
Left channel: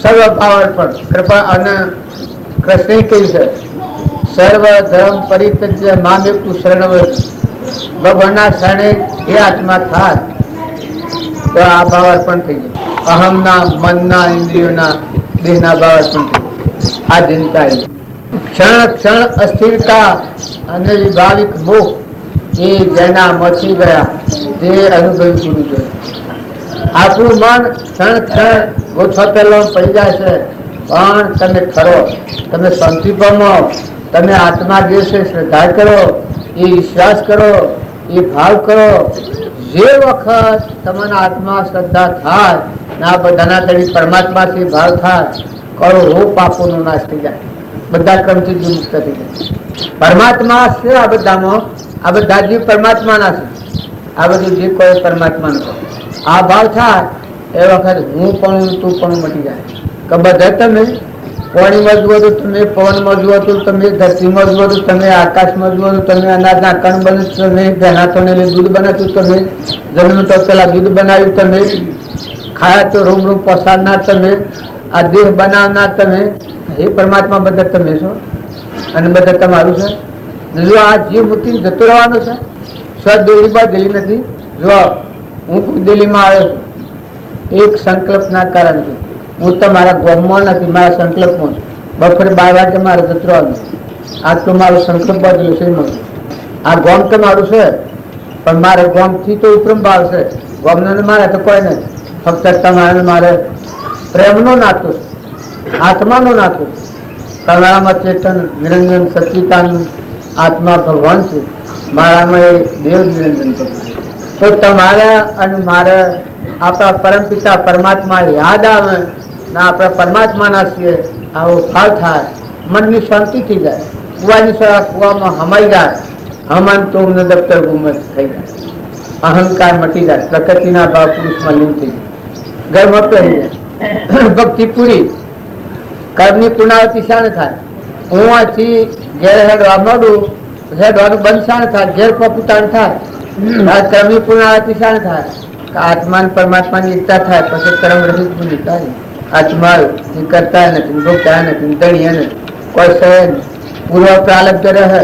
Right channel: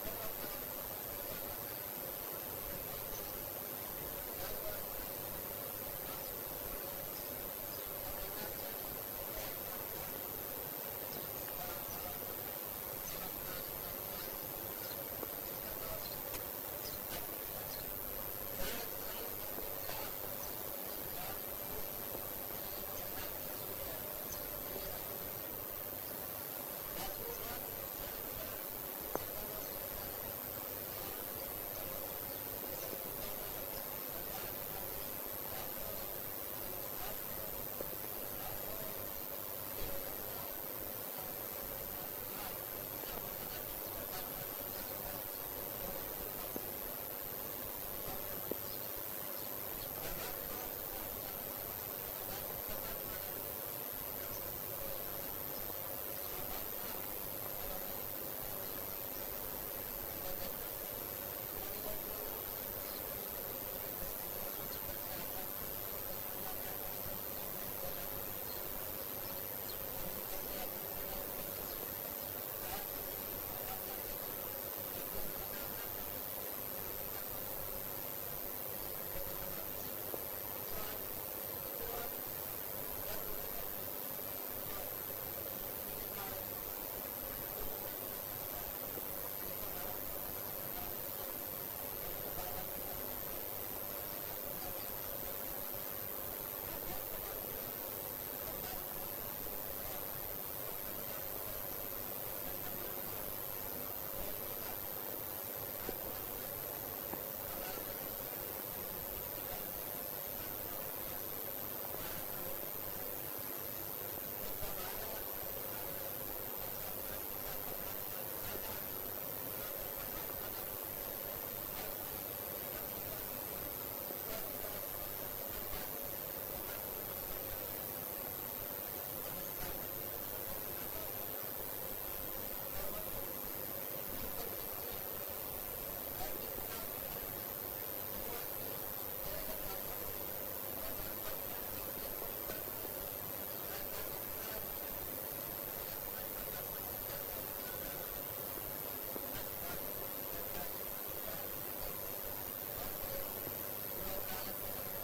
સર્વ પાવર પણ કૃપા. અને કૃષ્ણે કહ્યું છે સર્વ ધર્મ પરિત્યજ્ય મામેવ તું શરણમ. ભગવાનના શરણે એ આત્મા થાય તો આ ભાવ પણ થઈ જાય. અહમના, મનના, ઇન્દ્રિયોના, દેહના ભાવ પણ થઈ જાય. આ ચિંતા ક્ષણ ક્ષણ અસ્થિરતા અને વિભાવિક મોહ એ જેના મચી ગયા તે અનુભવી પૂરું છે. આપણું મન ક્ષણ ક્ષણ ગોઠવતેલો પડી જાય છે, પણ તમે ખરો, તમે શાંતિ પામો, તમે આત્મા જે છે શ્રદ્ધા કરો, એ વિશ્વાસ કરો, એ ભાવ કરો. જે વખત તમારા આત્મા શ્રદ્ધા થાય ને આ બધાના તળી પરમાત્માથી ભાવ થાય, કરોડો પાપોનો નાશ થઈ જાય, બધા ક્રમથી મુક્ત થઈ જાય. પરમાત્મા છે આ બધામાં, આ બધા જીવ પરમાત્માના છે, આ બધું જે કોઈ પરમાત્માનું આ ભાવ થાય એ વખત હું પણ તું પણ મટી જાય. કે બધા તમે પાણીમાં જુઓ તો તમે, પવનમાં જુઓ તો તમે, ધરતીમાં જુઓ તો તમે, આકાશમાં જુઓ તો તમે, અનાજના કણ બને તમે, ભેનાથોને દૂધ બનાવ્યું તમે, જન્મ તો પેલા દૂધ બનાવ્યું તમે, ખાયા તો રૂમ રૂમ પસારનાર તમે, આ દેહ બનાવનાર તમે, એ પરમાત્મા બધા તમે છો અને બધા તમારું છે. જો આ જીવ મૂકીને જતો રહેવાનો છે, સ્વદેલી બાદ દિલ્હી નથી. જો હું દિલ્હીમાં આવ્યો એક સંકલ્પના કારણથી, હું તમારા ગામમાં નથી, મારા સંકલ્પમાં છું. બપોરે 12 વાગે મારે જતો રહેવાનું, આજ તો મારો સંકલ્પ બાજુ છે. આ ગામ તો મારું છે, પણ મારે ગામથી તો ઉપરમ ભાવ છે, ગામને મારે તો કોઈ નથી. ફક્ત તમારે મારે પ્રેમનો નાતો, આત્માનો નાતો. તમારામાં ચેતન નિરંજન સચિતાનંદ આત્મા ભગવાન છે, મારામાં એ દેવ નિરંજન ભગવાન. તો તમારા અને મારે આપણા પરમપિતા પરમાત્મા યાદ આવે ને આપણા પરમાત્માના છીએ આવો ભાવ થાય, મનની શાંતિ થઈ જાય, કુવાની સળા કુવામાં હમાઈ જાય, હમન તો દફતર ગુમત થઈ જાય, અહંકાર મટી જાય, પ્રકૃતિના ભાવ પુરુષમાં લીન થઈ જાય, ગર્વ પહેરી જાય, ભક્તિ પૂરી, કર્મની પુનરાવૃત્તિ શાણ થાય. હું આથી ઘેર હેડવા માંડું, હેડવાનું બંધ શાણ થાય, ઘેર પપુતાણ થાય, કર્મની પુનરાવૃત્તિ શાણ થાય, આત્મા પરમાત્માની એકતા થાય, પછી કર્મ રહિત બની થાય. આત્મા કરતા નથી, ભોગતા નથી, દણીએ નથી, કોઈ સહન પૂર્વ પ્રાલબ્ધ રહે,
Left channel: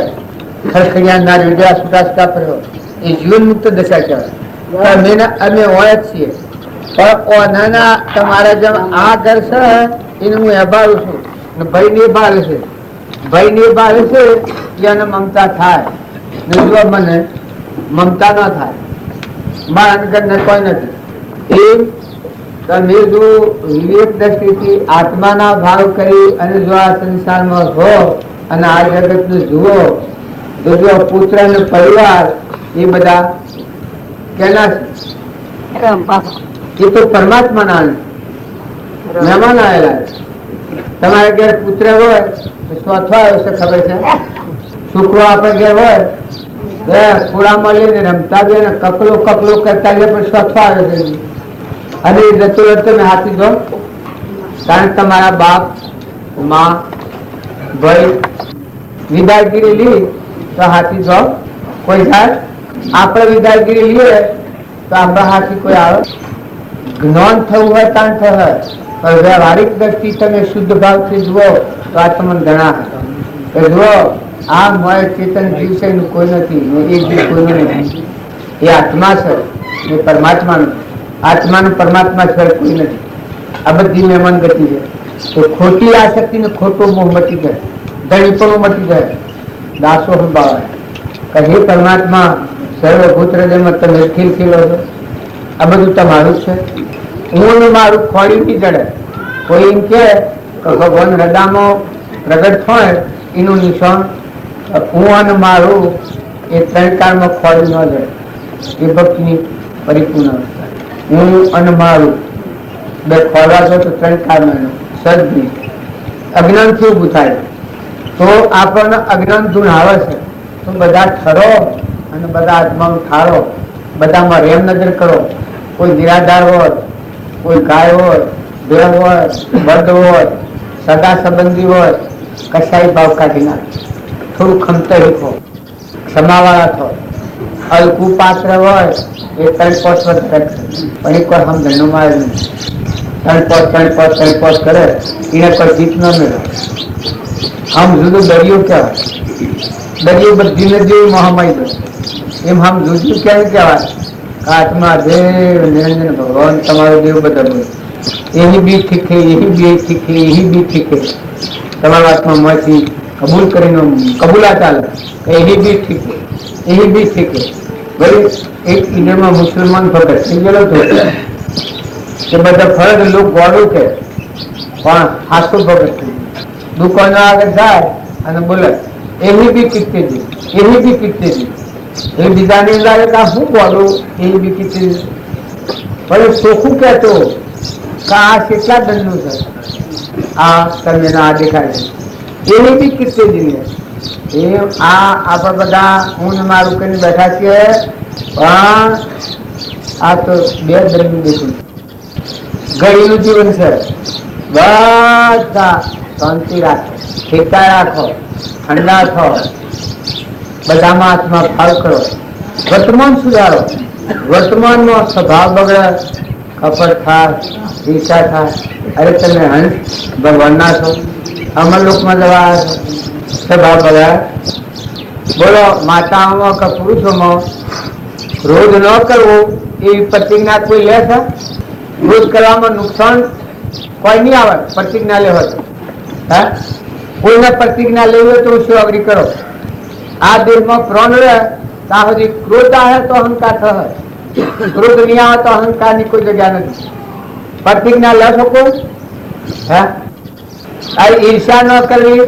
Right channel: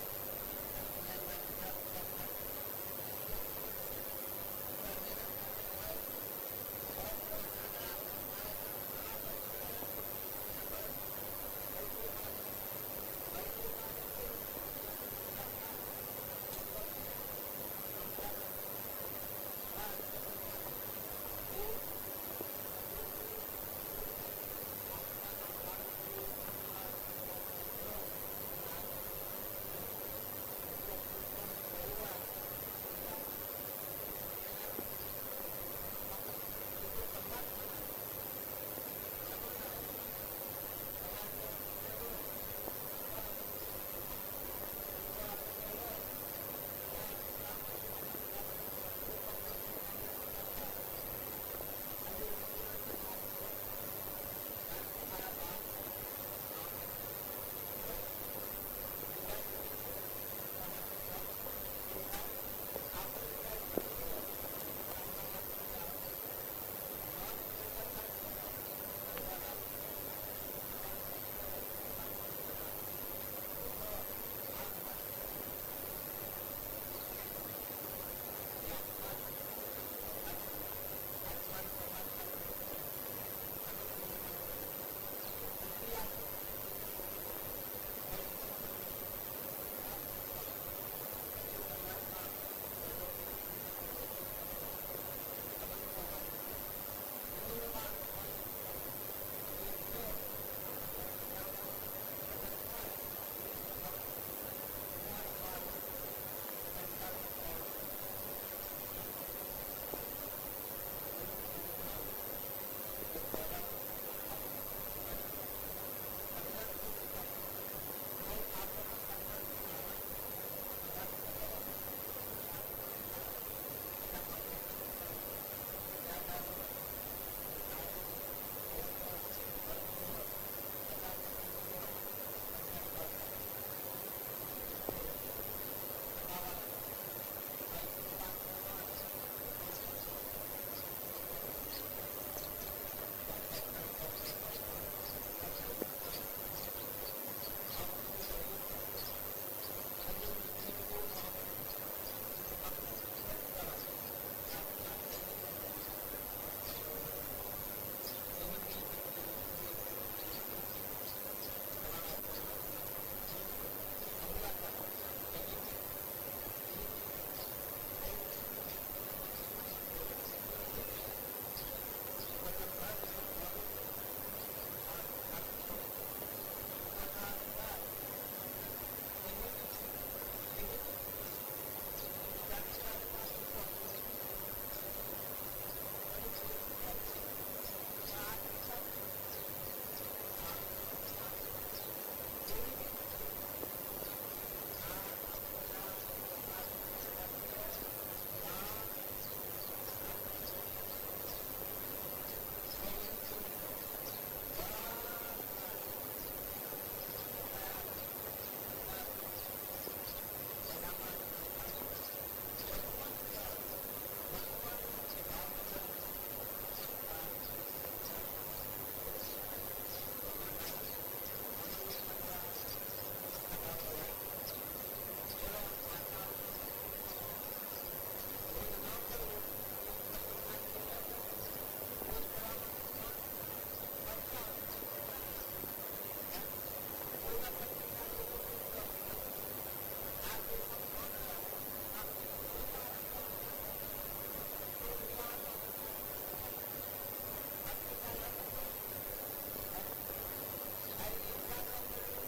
ખરખડિયા ના વિદ્યા સુટાસકા કર્યો, એ જીવન મુક્ત દશા કહેવાય. અમે હોય જ છીએ, પણ નાના તમારા જેમ આ ઘર છે એને હું એભાડું છું, ભાઈ ને ભાવે છે, ભાઈ ને ભાવે છે એને મમતા થાય, જો મને મમતા ન થાય, મારા અંદર કોઈ નથી. એ તમે જો વિવેક દ્રષ્ટિથી આત્માના ભાવ કરી અને જો આ સંસારમાં હો અને આ જગત નું જુઓ તો જો પુત્ર અને પરિવાર એ બધા કેના છે? એ તો પરમાત્માના મહેમાન આવેલા. તમારે ઘેર પુત્ર હોય તો ચોથો આવ્યો છે, ખબર છે? છોકરો આપણે ઘેર હોય ખોળામાં લઈને રમતા બે કકલો કકલો કરતા ગયા, પણ ચોથો આવ્યો છે અને એ જતો રહેતો મેં હાથી દો. કારણ કે તમારા બાપ માં ભાઈ વિદાયગીરી લી તો હાથી દો કોઈ જાય, આપણે વિદાયગીરી લઈએ તો આપણા હાથી કોઈ આવે. જ્ઞાન થવું હોય તાણ થશે, પણ વ્યવહારિક દ્રષ્ટિ તમે શુદ્ધ ભાવથી જુઓ તો આ તમને ઘણા જુઓ આ મોય ચેતન જીવ છે એનું કોઈ નથી, એ જીવ કોઈનું નથી. એ આત્મા છે, એ પરમાત્માનું, આત્માનું પરમાત્મા છે કોઈ નથી. આ બધી મહેમાન ગતિ છે. તો ખોટી આસક્તિ ને ખોટો મોહ મટી જાય, ધણીપણું મટી જાય, દાસો સંભાળે કે હે પરમાત્મા સર્વભૂત હૃદયમાં તમે ખીલખીલો છો, આ બધું તમારું છે. હું મારું ખોડી નહીં જડે. કોઈ એમ કે ભગવાન હૃદયમાં પ્રગટ હોય એનું નિશાન હું અને મારું એ ત્રણ કાળમાં ખોડી ન જડે. એ ભક્તિની પરિપૂર્ણ અવસ્થા. હું અને મારું બે ખોરવા છો તો ત્રણ કાળમાં સદની અજ્ઞાનથી ઊભું થાય. તો આપણને અજ્ઞાન ધૂણ આવે છે તો બધા ઠરો અને બધા આત્માનું ઠારો, બધામાં રેમ નજર કરો. કોઈ નિરાધાર હોય, કોઈ ગાય હોય, દેવ હોય, બળદ હોય, સગા સંબંધી હોય, કસાઈ ભાવ કાઢી નાખે. થોડું ખમતા શીખો, ક્ષમાવાળા થો. હલકું પાત્ર હોય એ 3-5 વર્ષ પણ એક વાર સમજણ મારે નહીં. 3-5 કરે એને કોઈ જીત ન મળે. આમ જુદું દરિયો કહેવાય. દરિયો બધી નદીઓ મહામાઈ દો એમ આમ જુદું ક્યાંય કહેવાય. આત્મા દેવ નિરંજન ભગવાન તમારો દેવ બધા બોલે. એની બી ઠીકે, એની બી ઠીકે, એની બી ઠીકે. તમારા આત્મામાંથી कबूल करीने कबूला चाले यही भी ठीक है, यही भी ठीक है। भाई एक ईडर में मुसलमान भगत थी गयो तो કે બધા ફરજ લોક ગોળું કે પણ હાસુ ભગત દુકાન આગળ જાય અને બોલે એવી બી કીર્તિ એવી બી કીર્તિ એ બીજાની લાગે કે શું ગોળું એવી બી કીર્તિ પણ ચોખ્ખું કહેતો કે આ કેટલા દંડનું છે આ તમને આ દેખાય છે એવી બી કીર્તિ એ આ આપણે બધા હું ને મારું કરીને બેઠા છીએ પણ આ તો બે દંડનું દેખું ઘડીનું જીવન છે બધા શાંતિ રાખો ઠેકા રાખો ઠંડા થો બધામાં હાથમાં ફાળ કરો વર્તમાન સુધારો વર્તમાનનો સ્વભાવ બગડે કપટ થાય ઈર્ષા થાય અરે તમે હંસ ભગવાનના છો અમરલોકમાં જવા છો સ્વભાવ બગડે બોલો માતાઓમાં કે પુરુષોમાં રોજ ન કરવું એવી પ્રતિજ્ઞા કોઈ લે છે રોજ કરવામાં નુકસાન કોઈ નહીં આવે પ્રતિજ્ઞા લેવો હા કોઈને પ્રતિજ્ઞા લેવી હોય તો શું અગ્રી કરો આ દેહમાં પ્રાણ રહે ત્યાં સુધી ક્રોધ આવે તો અહંકાર થાય ક્રોધ નહીં આવે તો અહંકારની કોઈ જગ્યા નથી પ્રતિજ્ઞા લે શકો હા આ ઈર્ષા ન કરવી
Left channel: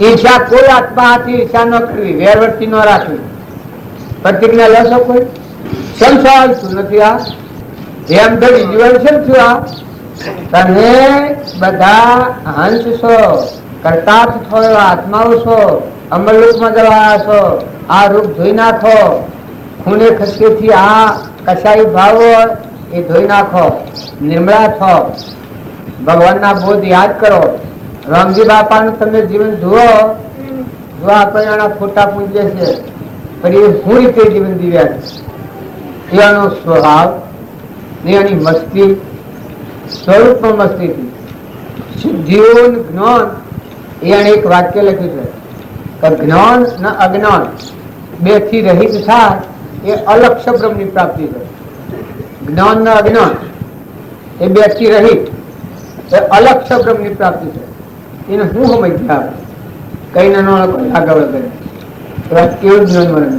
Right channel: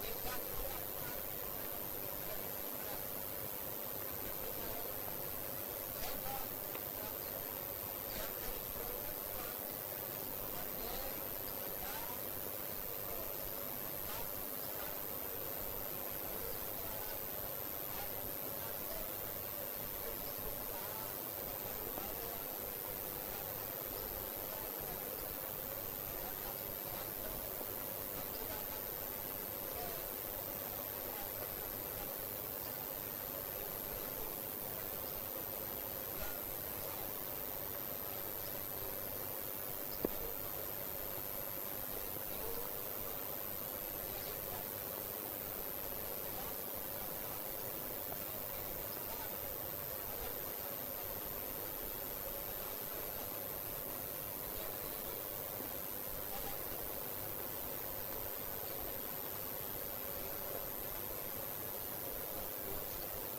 ઈર્ષા કોઈ આત્મા હાથી ઈર્ષા ન કરવી વેરવર્તી ન રાખવી પ્રતિજ્ઞા લે શકો કેમ સવાલ શું નથી આ એમ તો જીવન છે શું આ તમે બધા હંસ છો કરતાર્થ છો આત્માઓ છો અમરલોકમાં જવા છો આ રૂપ ધોઈ નાખો ખૂને ખસકેથી આ કસાઈ ભાવ એ ધોઈ નાખો નિર્મળા છો ભગવાનના બોધ યાદ કરો રામજી બાપાનું તમે જીવન જુઓ જો આપણે આના ફોટા પૂજે છે પણ એ શું રીતે જીવન જીવ્યા છે એનો સ્વભાવ એની મસ્તી સ્વરૂપમાં મસ્તી હતી જીવન જ્ઞાન એને એક વાક્ય લખ્યું છે કે જ્ઞાન ને અજ્ઞાન બે થી રહિત થાય એ અલક્ષ્ય બ્રહ્મની પ્રાપ્તિ છે જ્ઞાન ને અજ્ઞાન એ બે થી રહિત એ અલક્ષ્ય બ્રહ્મની પ્રાપ્તિ છે એને હું સમજ્યા કઈ ના કોઈ આગળ કરે કેવું જ્ઞાન મળે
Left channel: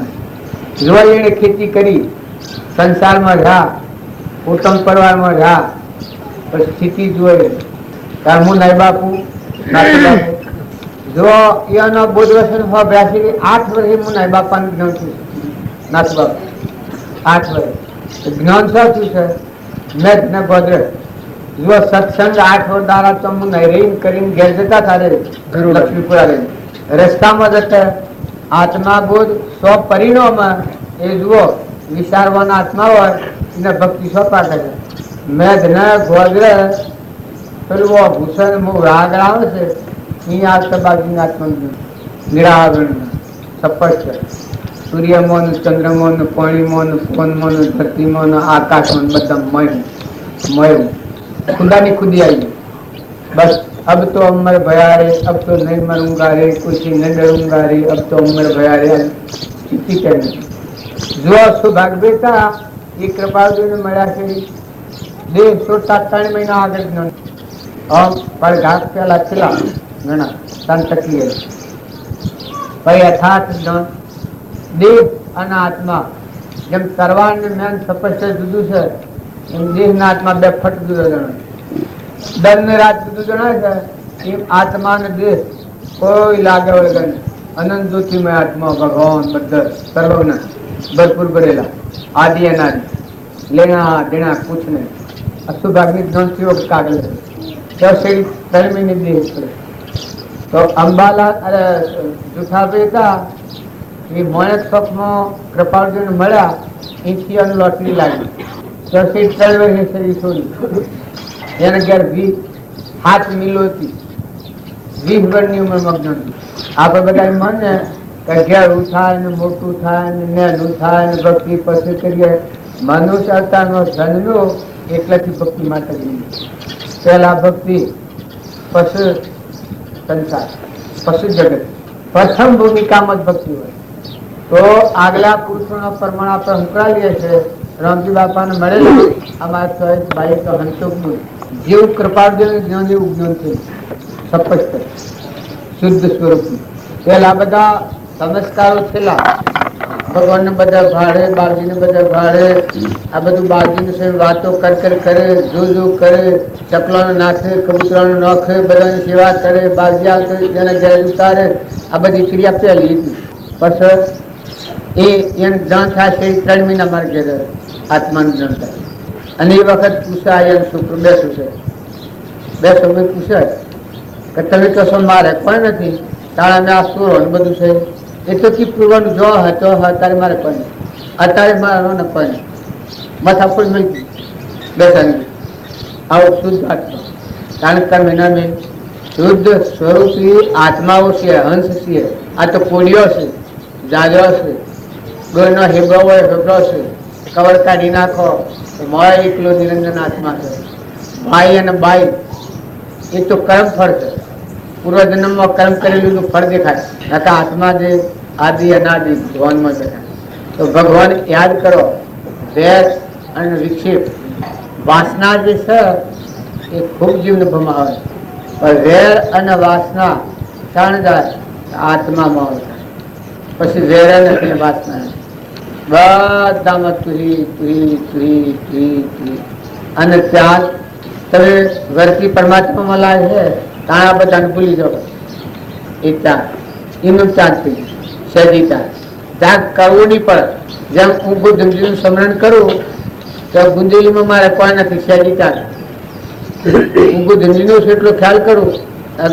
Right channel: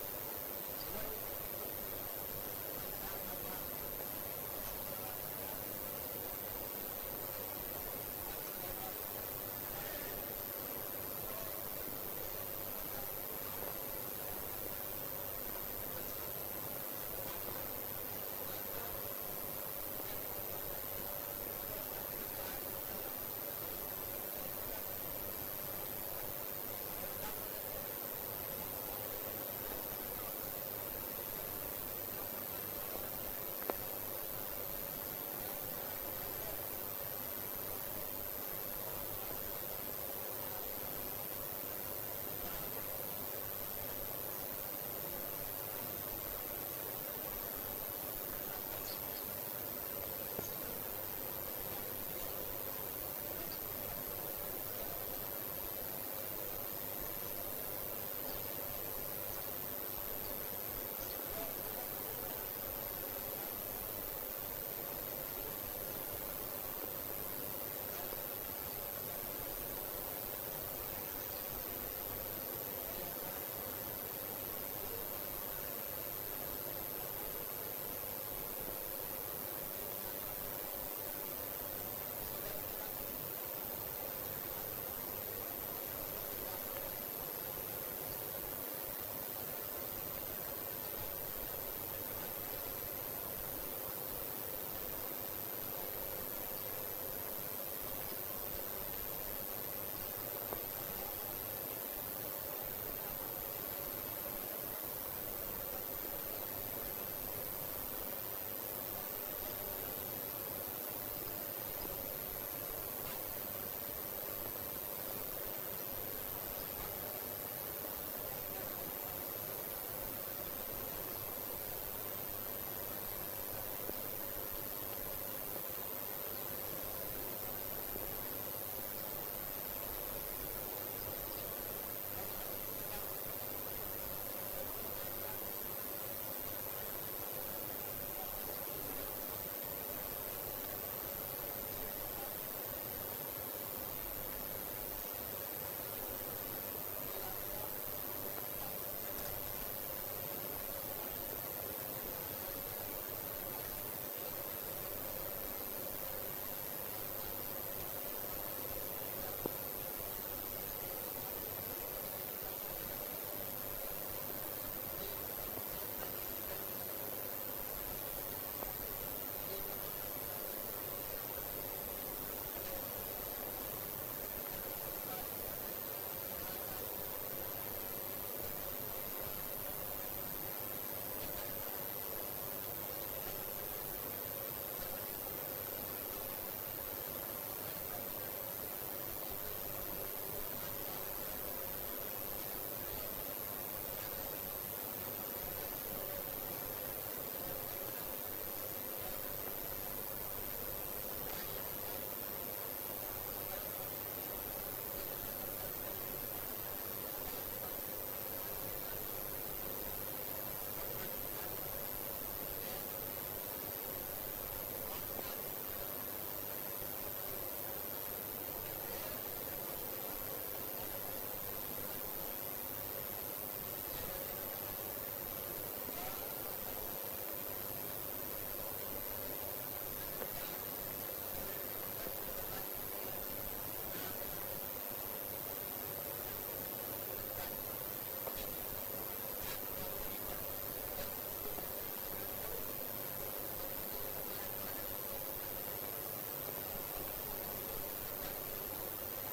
જોવા એને ખેતી કરી સંસારમાં રહ્યા ઉત્તમ પરિવારમાં રહ્યા પણ સ્થિતિ જોઈ કારણ હું નાઈ બાપુ નાતી બાપુ જો એનો બોધ વસન હો 82 8 વર્ષે હું નાઈ બાપાનું જ્ઞાન છું નાતી બાપુ 8 વર્ષ જ્ઞાન શું છે મેં ને ગોદરે જો સત્સંગ 8 વર્ષ દારા તો હું નહીં રહીને કરીને ઘેર જતા તારે લક્ષ્મીપુરા રહીને રસ્તામાં જતા આત્મા બોધ 100 પરિણામમાં એ જુઓ વિચારવાના આત્મા હોય એને ભક્તિ સોંપા કરે મેઘ ને ગોદરે પેલું ભૂષણ રાગ આવે છે અહીં આવતા બાજુની આત્મા નિરાગણ સ્પષ્ટ સૂર્યમોન ચંદ્રમોન પાણીમોન ફોનમોન ધરતીમોન આકાશમોન બધા મય खुदा ની खुदी आई बस अब तो अमर भया रे अब तो नहीं मरूंगा रे कुछ नहीं डरूंगा रे अब तो अमर भया रे स्थिति करनी जो सौभाग बेटा ये कृपा ने મળ્યા છે દેહ 47 મહિના આગળ નો પર ઘાટ પેલા ચલા ઘણા સંતકીય ભાઈ અર્થાત દેહ અને આત્મા જેમ સર્વાન જ્ઞાન સ્પષ્ટ જુદું છે એમ દેહ ના આત્મા બે ફટ જુદો જણાય દન ને રાત જુદું જણાય છે એમ આત્મા ને દેહ કોઈ લાગે વળગે અનંત જ્યોતિમય આત્મા ભગવાન બધા સર્વજ્ઞ ભરપૂર ભરેલા आदि अनादि लेना देना कुछ नहीं अशुभाग्नि ज्ञान से कागल है तो अंबाला अरे जूठा बेटा ये मोनक शॉप में कृपार्जुन મળ્યા इनकी लॉटरी लागी तो से ट्रेवल है सही छोड़ी यानी 7 मिलो थी 20 વર્ષની ઉંમર મગ્ન आप બધા मन ने ઘેરું થાય ને મોટું થાય ને નેનું થાય ને ભક્તિ પછી કરીએ મનુષ્ય અવતારનો જન્મ્યો એટલાથી ભક્તિ માટે પહેલા ભક્તિ પશુ સંસાર પશુ જગત પ્રથમ ભૂમિકામાં જ ભક્તિ હોય તો આગલા પુરુષોનો પ્રમાણ આપણે ઉકળાવીએ છીએ રામજી બાપાને મળેલું અમારા ચોઈસ ભાઈ તો હંસુકનું જેવું કૃપાર્જન જ્ઞાન એવું જ્ઞાન છે સ્પષ્ટ શુદ્ધ સ્વરૂપનું. પેલા બધા સંસ્કારો છેલ્લા ભગવાનને બધા ભાડે, બાળજીને બધા ભાડે, આ બધું બાળજીને છે વાતો કરે, જો કરે, ચકલાનો નાખે, કબૂતરાનો નાખે, બધાની સેવા કરે, બાળજી આવતો તેના ઘરે ઉતારે, આ બધી ક્રિયા પહેલી હતી. પછી એને જ્ઞાન થાય છે 3 મહિના મારે ઘેર આત્માનું જ્ઞાન થાય. અને એ વખત પૂછાય શુક્ર બેસું છે, બે સમય પૂછાય કે તમે કશો મારે કોઈ નથી, તારા મેં આ સુરો બધું છે એ તો કી પૂરવાનું જો હતો અત્યારે મારે કોઈ નહીં, અત્યારે મારો ને કોઈ નહીં, માથા ફૂલ મળતી બેસાડી આવો શુદ્ધ આત્મા. કારણ કે મહિના મેં શુદ્ધ સ્વરૂપી આત્માઓ છે, હંસ છે. આ તો કોળીઓ છે, જાજો છે, ગોળનો હેબરો હોય હેબરો છે, કવર કાઢી નાખો મળે એકલો નિરંજન આત્મા છે. ભાઈ અને બાઈ એ તો કર્મ ફળ છે, પૂર્વજન્મમાં કર્મ કરેલું ફળ દેખાય. નકા આત્મા જે આદિ અનાદિ ભગવાનમાં દેખાય. તો ભગવાન યાદ કરો, વેર અને વિક્ષેપ વાસના જે છે એ ખૂબ જીવને ભમાવે, પણ વેર અને વાસના ત્રણ જાય આત્મામાં આવે. પછી વેર નથી વાસના બધામાં તુહી અને ત્યાગ. તમે વર્તી પરમાત્મામાં લાવે છે ત્યાં આ બધાને ભૂલી જાઓ. એ ત્યાગ એનું ત્યાગ થઈ સહેજી ત્યાગ. ત્યાગ કરવો નહીં પડે. જેમ હું બુદ્ધજીનું સ્મરણ કરું તો ગુંજેલીમાં મારે કોઈ નથી, સહેજી ત્યાગ. હું બુદ્ધજીનો એટલો ખ્યાલ કરું,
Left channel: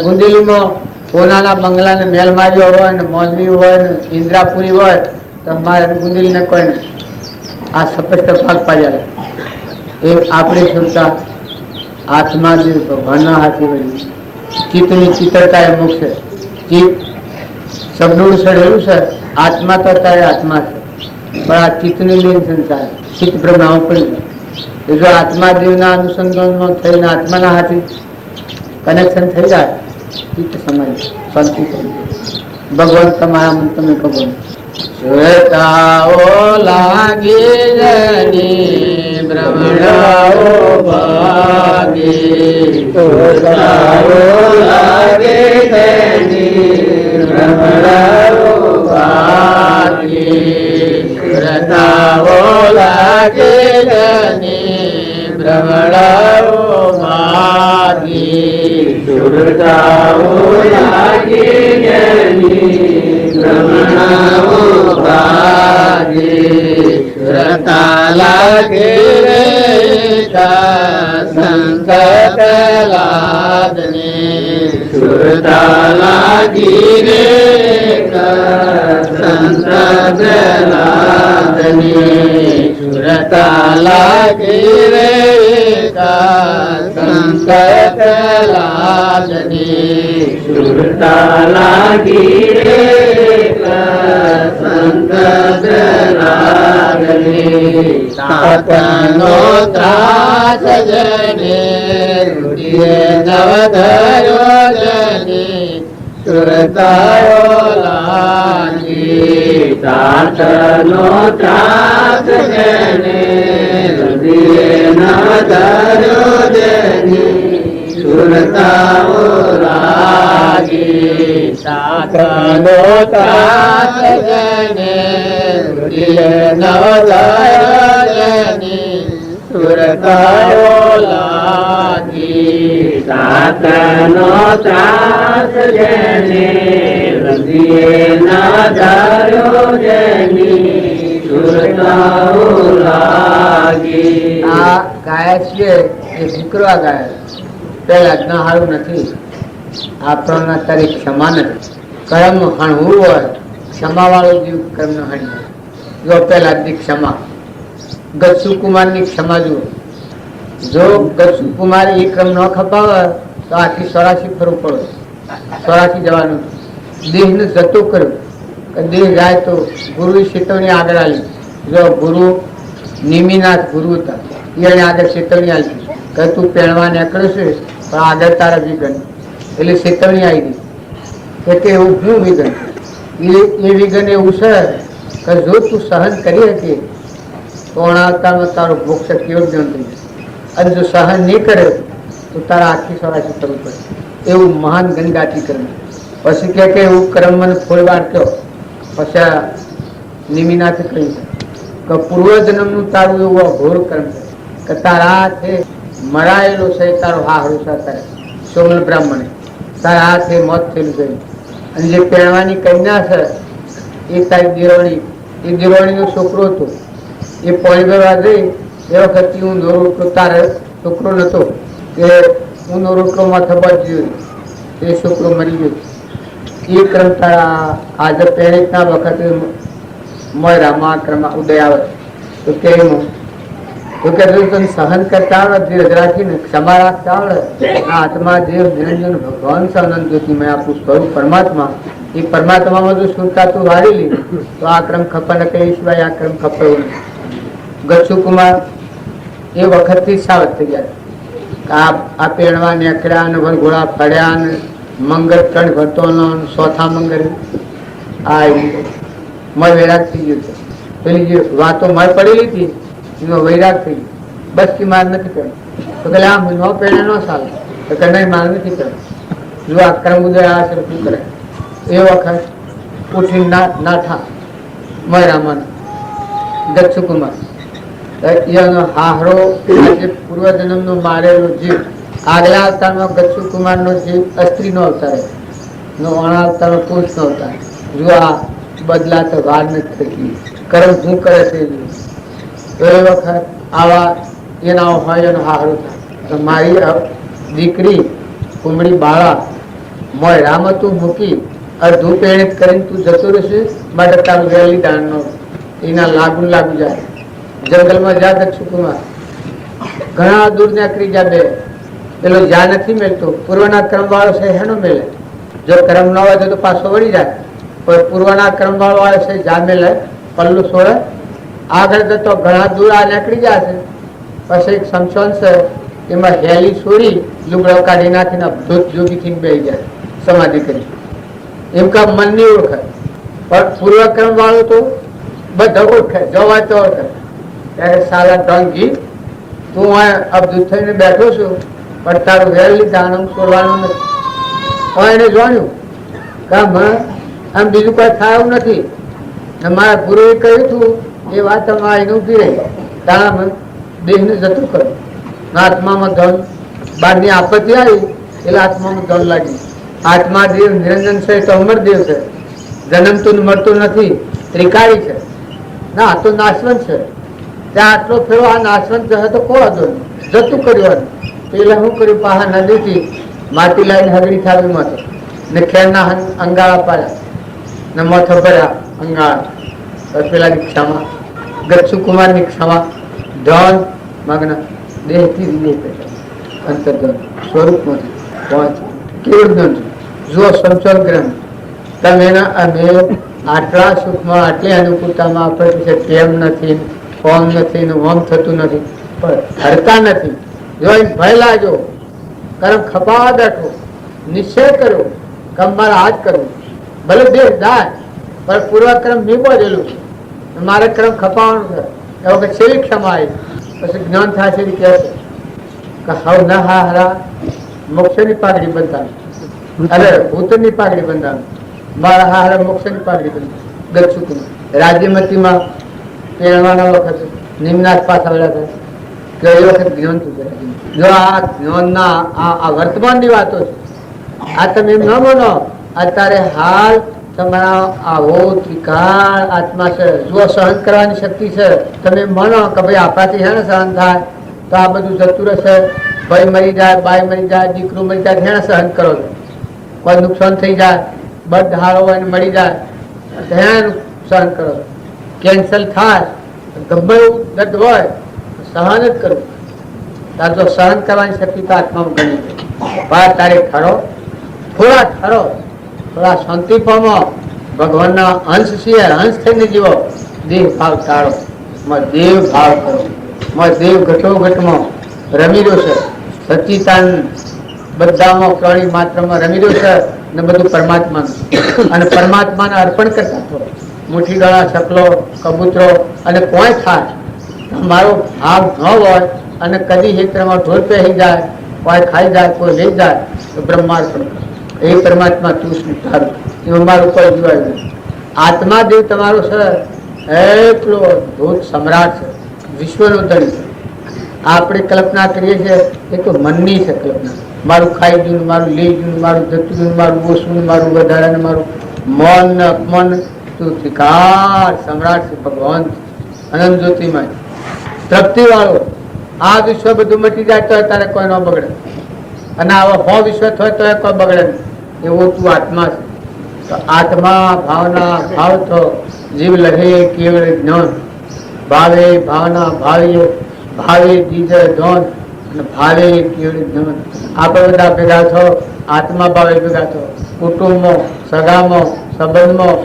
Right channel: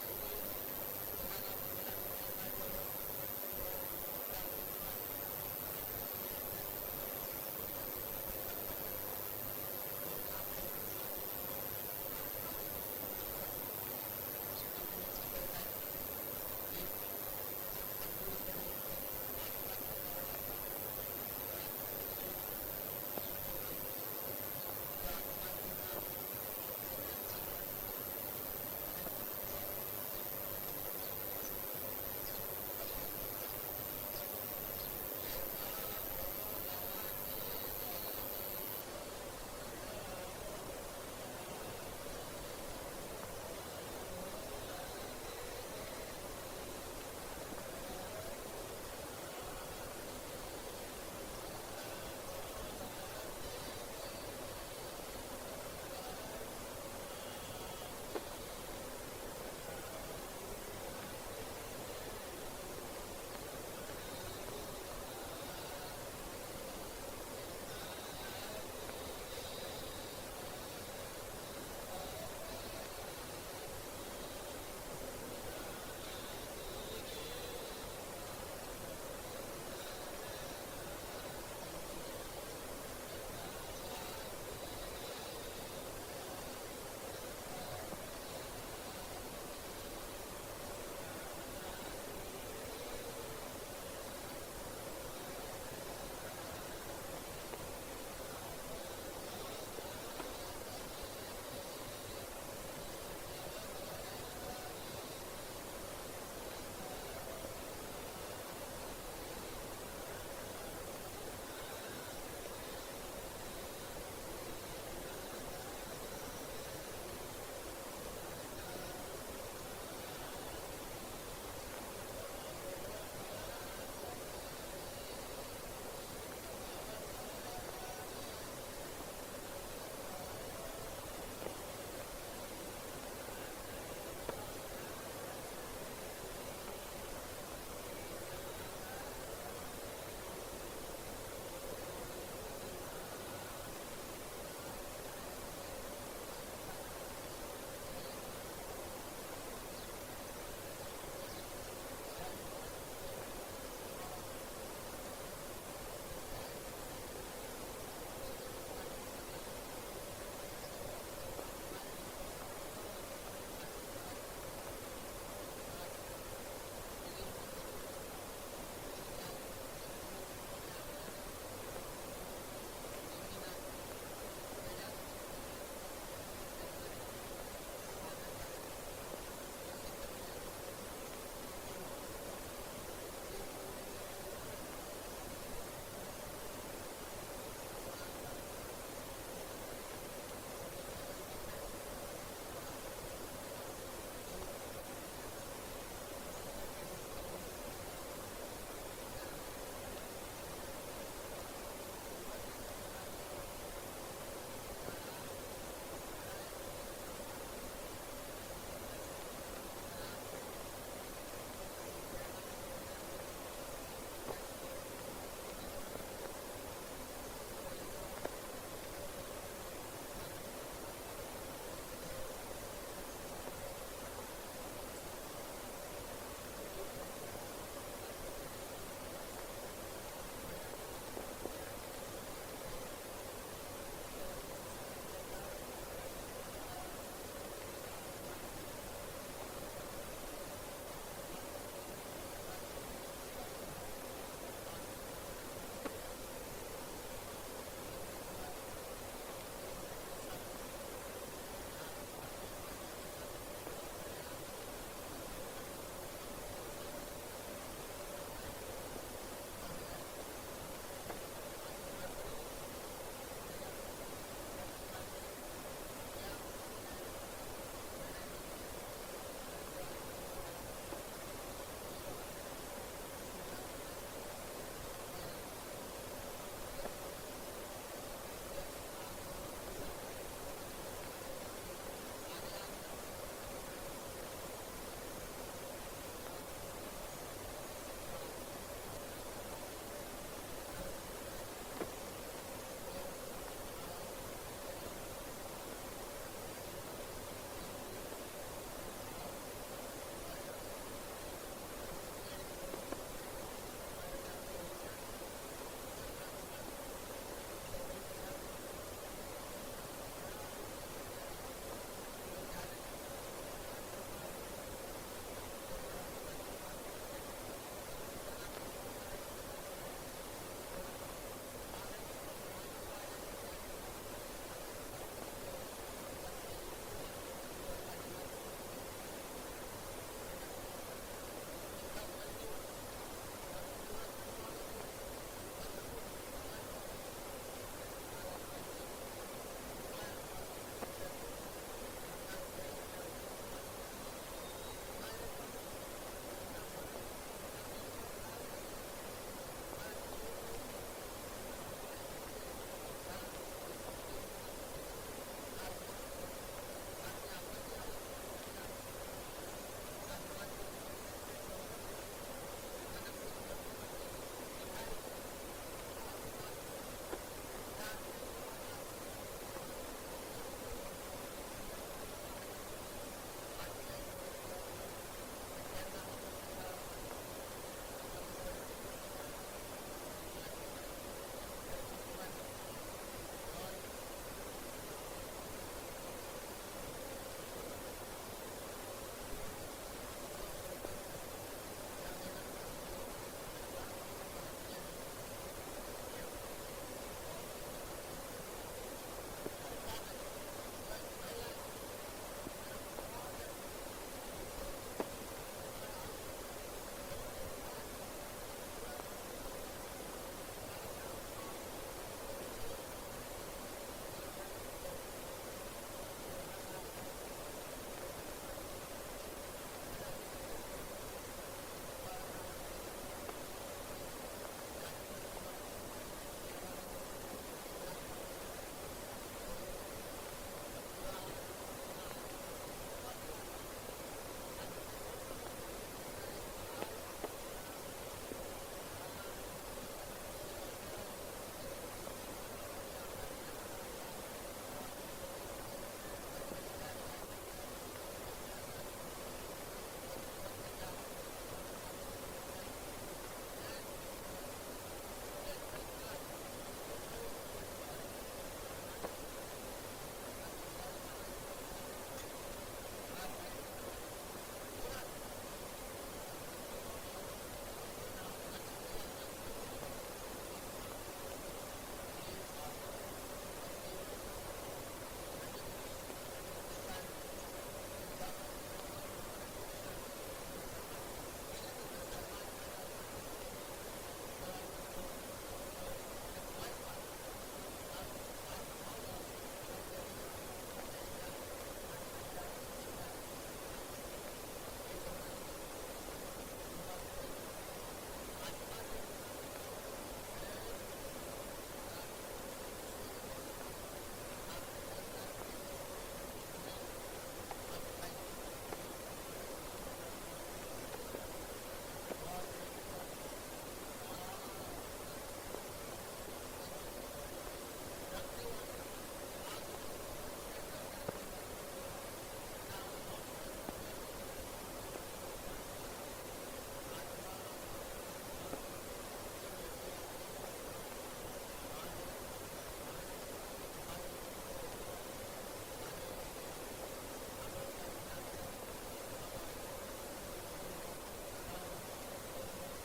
ગુંજેલીમાં કોનાના બંગલાને મેલ માર્યો હોય ને મોલવી હોય ને ઇન્દ્રાપુરી હોય તો મારે ગુંજેલીને કોઈ નહીં. આ સ્પષ્ટ ભાગ પાડ્યા. એ આપણી સુરતા આત્મા જે ભગવાનના હાથે વળી ચિત્તની ચિત્રતા એ મુકશે. ચિત્ત શબ્દોનું સડેલું છે, આત્મા તો અત્યારે આત્મા છે, પણ આ ચિત્તની લીન સંસાર ચિત્ત ભ્રમણાઓ પડી જાય. જો આત્મા દેવના અનુસંધાનમાં થઈને આત્માના હાથે કનેક્શન થઈ જાય, ચિત્ત સમાય શાંતિ થઈ જાય. ભગવાન તમારા મન તમે ખબર શ્વેતાઓ લાગી જની ભ્રમણાઓ ભાગી, શ્વેતાઓ લાગે જની ભ્રમણાઓ ભાગી, શ્વેતાઓ લાગે જની ભ્રમણાઓ ભાગી, શ્વેતાઓ લાગે જની ભ્રમણાઓ ભાગી, શ્રતા લાગે રે સંત લાદની, શ્રતા લાગી રે સંત લાદની, શ્રતા લાગી રે સંત લાદની, શ્રતા લાગી રે સાતનો ત્રાસ જને રૂઢીએ નવધર્યો જની સુરતાયો લાગી, સાતનો ત્રાસ જને રૂઢીએ નવધર્યો જની સુરતાઓ લાગી, સાતનો ત્રાસ જને નવધરની સુરતાઓ લાગી, સાતનો ત્રાસ જેને હૃદયે નવધર્યો જેની સુરતાઓ લાગી. આ ગાય છે એ દીકરા ગાય પેલા ના સારું નથી. આપણને અત્યારે ક્ષમા નથી. કર્મ હણવું હોય, ક્ષમા વાળો જીવ કર્મ ન હણી. જો પેલા ક્ષમા ગચ્છુ કુમારની ક્ષમા જુઓ. જો ગચ્છુ કુમાર એ ક્રમ ન ખપાવે તો આખી 84 ફરવું પડે. 84 જવાનું દેહને જતો કર્યો કે દેહ જાય તો ગુરુ ચેતવણી આગળ આવી. જો ગુરુ નિમિનાથ ગુરુ હતા, એને આગળ ચેતવણી આવી કે તું પહેણવા નીકળે છે પણ આગળ તારા વિઘન, એટલે ચેતવણી આવી ગઈ કે એવું શું વિઘન? એ વિઘન એવું છે કે જો તું સહન કરી શકે તો અણાવતામાં તારો મોક્ષ કેવો જ્ઞાન થઈ જશે, અને જો સહન નહીં કરે તો તારા આખી 84 કરવું પડે. એવું મહાન ગંગાથી કર્મ. પછી કે એવું કર્મ મને થોડી વાર કહો. પછી આ નિમિનાથે કહ્યું કે પૂર્વજન્મનું તારું એવું અઘોર કર્મ છે કે તારા હાથે મરાયેલો છે તારો હાહરો છે સોમલ બ્રાહ્મણે તારા હાથે મોત થયેલું છે. અને જે પહેરવાની કન્યા છે એ તારી દિરોણીનો છોકરો હતો. એ પોણી ભરવા ગઈ એ વખતે ઊંધો રોટલો તારે છોકરો નતો કે ઊંધો રોટલો માથે બચ્યો એ છોકરો મરી ગયો. એ ક્રમ તારા આજે પહેરીના વખતે મોયરામાં ક્રમ ઉદય આવે તો કેમ તો કે તને સહન કરતા આવડે, ધીરજ રાખીને ક્ષમા રાખતા આવડે. આત્મા જે નિરંજન ભગવાન છે અનંત જ્યોતિમય આપણું સ્વરૂપ પરમાત્મા, એ પરમાત્મામાં જો સુરતા તું વાળી લી તો આ ક્રમ ખપર ન કહી સિવાય આ ક્રમ ખપર. ગચ્છુ કુમાર એ વખતથી સાવધ થઈ ગયા. આ પેણવા નેકળ્યા ને વરઘોડા ફર્યા ને મંગળ ત્રણ ભરતોનો ચોથા મંગળ આ મય વૈરાગ થઈ ગયું છે. પેલી જે વાતો મય પડેલી હતી એનો વૈરાગ થઈ ગયો. બસ કે માર નથી કર્યો તો કે આમ ન પેણે ન ચાલે તો કે નહીં માર નથી કર્યો. જો આ કર્મ ઉદય આ છે શું કરે. એ વખત ઉઠી નાઠા મયરામન ગચ્છુ કુમાર એનો હાહરો આજે પૂર્વજન્મનો મારેલો જીવ આગલા અવતારમાં ગચ્છુ કુમારનો જીવ સ્ત્રીનો અવતાર નો અવતાર પુરુષનો અવતાર. જો આ બદલા તો વાર નથી થઈ કર્મ શું કરે છે. તો એ વખત આવા એના હોય એનો હાહરો થાય. મારી દીકરી કુમળી બાળા મોય રામ તું મૂકી અડધું પેણિત કરીને તું જતો રહેશે માટે તારું વહેલી દાણનો એના લાગુ જાય. જંગલમાં જા ગચ્છુ કુમાર ઘણા દૂર નીકળી જા. બે પેલો જા નથી મેળતો પૂર્વના ક્રમ વાળો છે હેનો મેળે. જો ક્રમ ન હોય તો પાછો વળી જાય. પણ પૂર્વના ક્રમ વાળો છે જા મેળે પલ્લું છોડે આગળ જતો ઘણા દૂર આ નીકળી જાય છે. પછી એક સમસોન છે એમાં હેલી છોડી લુગડો કાઢી નાખીને ધૂત જોગીથી બેસી જાય સમાધિ કરી. એમ કા મનની ઓળખાય. પણ પૂર્વક્રમ વાળો તો બધા ઓળખાય જવા તો ઓળખાય. ત્યારે સાલા ટંકી તું અબધૂત થઈને બેઠો છું પણ તારું વહેલી દાણમ છોડવાનું નથી. એને જાણ્યું કે આમ બીજું કઈ થાય એવું નથી. મારા ગુરુએ કહ્યું હતું એ વાત આઈને ઉભી રહી. તારા દેહને જતું કર્યું. આત્મામાં ધન બહારની આપત્તિ આવી એટલે આત્મામાં ધન લાગી. આત્મા દેવ નિરંજન છે તો અમરદેવ છે. જન્મતું મળતું નથી, ત્રિકાળી છે ના આ તો નાશવંત છે. ત્યાં આટલો ફેરો આ નાશવંત છે તો કોઈ હતો જતું કર્યું. પેલા શું કર્યું પાહા નદીથી માટી લાવીને હગડી થાવી માથે ને ખેરના અંગાળા પાડ્યા ને માથે ભર્યા અંગાળા. પેલાની ક્ષમા ગચ્છુ કુમારની ક્ષમા ધન મગ્ન દેહથી અંતર્ધન સ્વરૂપમાંથી પહોંચ કેવળ ધન જુઓ સંચલ ગ્રહ તમે અમે આટલા સુખમાં આટલી અનુકૂળતામાં આપણે કેમ નથી ફોર્મ નથી ને ઓમ થતું નથી પણ હરતા નથી. જો ભય લાગ્યો કર્મ ખપાવા બેઠો નિશ્ચય કર્યો કે મારે આજ કરવું ભલે દેહ જાય પણ પૂર્વક્રમ નીપોજેલું છે મારે ક્રમ ખપાવવાનું છે. એ વખત છેલ્લી ક્ષમા આવી પછી જ્ઞાન થાય છે કે હવ ના હા હરા મોક્ષની પાઘડી બંધાવી અરે ભૂતની પાઘડી બંધાવી મારા હા હરા મોક્ષની પાઘડી બંધાવી. ગચ્છુ કુમાર રાજ્યમતીમાં પહેરવાના વખત નિમનાથ પાછા આવ્યા હતા કે એ વખત જ્ઞાન થયું. જો આ જ્ઞાનના આ વર્તમાનની વાતો છે. આ તમે એમ ન માનો અત્યારે હાલ તમારા આવો ત્રિકાળ આત્મા છે. જો સહન કરવાની શક્તિ છે તમે માનો કે ભાઈ આપણાથી હે ને સહન થાય તો આ બધું જતું રહેશે. ભાઈ મરી જાય, બાઈ મરી જાય, દીકરું મરી જાય, હે સહન કરો છો. કોઈ નુકસાન થઈ જાય, બધ હારો હોય ને મરી જાય હે સહન કરો. કેન્સલ થાય ગમે એવું દર્દ હોય સહન જ કરવું. તાર જો સહન કરવાની શક્તિ તો આત્મામાં ગણી છે. તારે ખરો થોડા ખરો થોડા શાંતિ પામો. ભગવાનના અંશ છીએ, અંશ થઈને જીવો. દેહ ભાવ ટાળો, દેવ ભાવ કરો. દેવ ઘટો ઘટમાં રમી રહ્યો છે. સચિતાન બધામાં પ્રાણી માત્રમાં રમી રહ્યો છે ને બધું પરમાત્માનું. અને પરમાત્માને અર્પણ કરતા થોડો મુઠ્ઠી ગળા શકલો કબૂતરો અને કોઈ થાય મારો ભાવ ન હોય અને કદી હેત્રમાં ઢોર પહેરી જાય, કોઈ ખાઈ જાય, કોઈ લઈ જાય તો બ્રહ્માર્પણ એ પરમાત્મા તું શું તારું એમાં મારું કોઈ જોવાયું નથી. આત્મા દેવ તમારો છે એટલો અદભુત સમ્રાટ છે, વિશ્વનો ધણી છે. આપણે કલ્પના કરીએ છીએ એ તો મનની છે કલ્પના. મારું ખાઈ ગયું, મારું લઈ ગયું, મારું જતું ગયું, મારું ઓછું, મારું વધારે, મારું મન ને અપમન. તું ત્રિકાળ સમ્રાટ છે, ભગવાન અનંત જ્યોતિમય તૃપ્તિ વાળો. આ વિશ્વ બધું મટી જાય તો તારે કોઈ ન બગડે, અને આવા 100 વિશ્વ થાય તો કોઈ બગડે નહીં. એવો તું આત્મા છે. તો આત્મા ભાવના ભાવ તો જીવ લહે કેવળ જ્ઞાન. ભાવે ભાવના ભાવીએ ભાવે જીજે ધોન અને ભાવે કેવળ જ્ઞાન. આપણે બધા ભેગા થો, આત્મા ભાવે ભેગા થો. કુટુંબમાં, સગામાં, સંબંધમાં,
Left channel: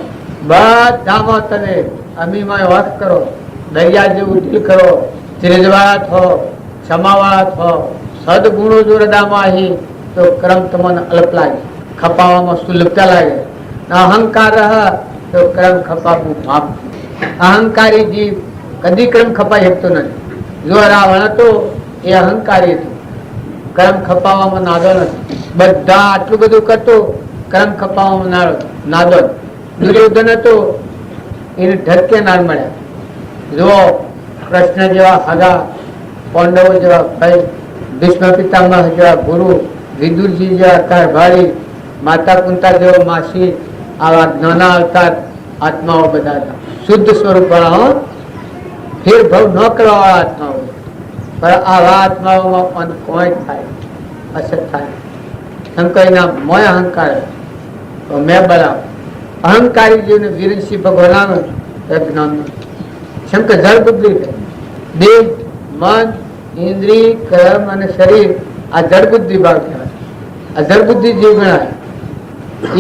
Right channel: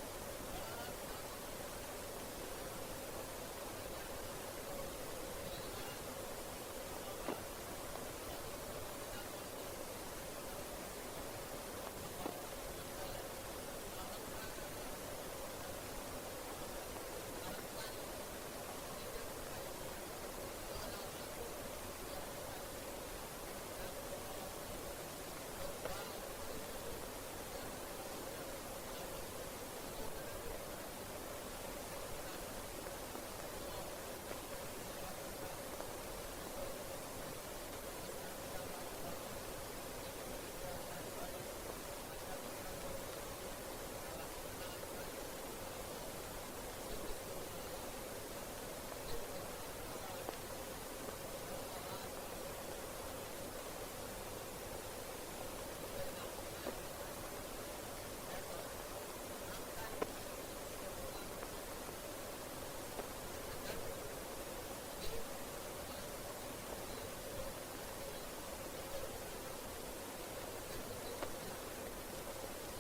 બધામાં તમે અમીમાં વાત કરો, દરિયા જેવું દિલ કરો, ત્રેજવાળા થો, ક્ષમાવાળા થો. સદગુણો જો હૃદયમાં આવી તો કર્મ તમને અલ્પ લાગે, ખપાવામાં સુલભતા લાગે. અહંકાર રહ તો કર્મ ખપાવવું પાપ. અહંકારી જીવ કદી કર્મ ખપાઈ શકતો નથી. જો રાવણ હતો એ અહંકારી હતો, કર્મ ખપાવવામાં નાદો નથી. બધા આટલું બધું કરતો, કર્મ ખપાવવામાં નાદો. દુર્યોધન હતો એને ઢટકે ના મળ્યા. જો કૃષ્ણ જેવા હગા, પાંડવો જેવા ભાઈ, ભીષ્મ પિતામહ જેવા ગુરુ, વિદુરજી જેવા કારભારી, માતા કુંતા જેવો માસી, આવા જ્ઞાના અવતાર આત્માઓ બધા હતા. શુદ્ધ સ્વરૂપ વાળા, ફેરભાવ ન કરવા વાળા આત્માઓ. પણ આવા આત્માઓમાં કોઈ થાય, અસર થાય. શંકરના મોય અહંકાર તો મેં બલાવ. અહંકારી જીવને વીરસિંહ ભગવાન જ્ઞાન. શંકર જળ બુદ્ધિ છે. દેહ, મન, ઇન્દ્રિય, કર્મ અને શરીર આ જળ બુદ્ધિ ભાવ કહેવાય. આ જળ બુદ્ધિ જીવ ગણાય.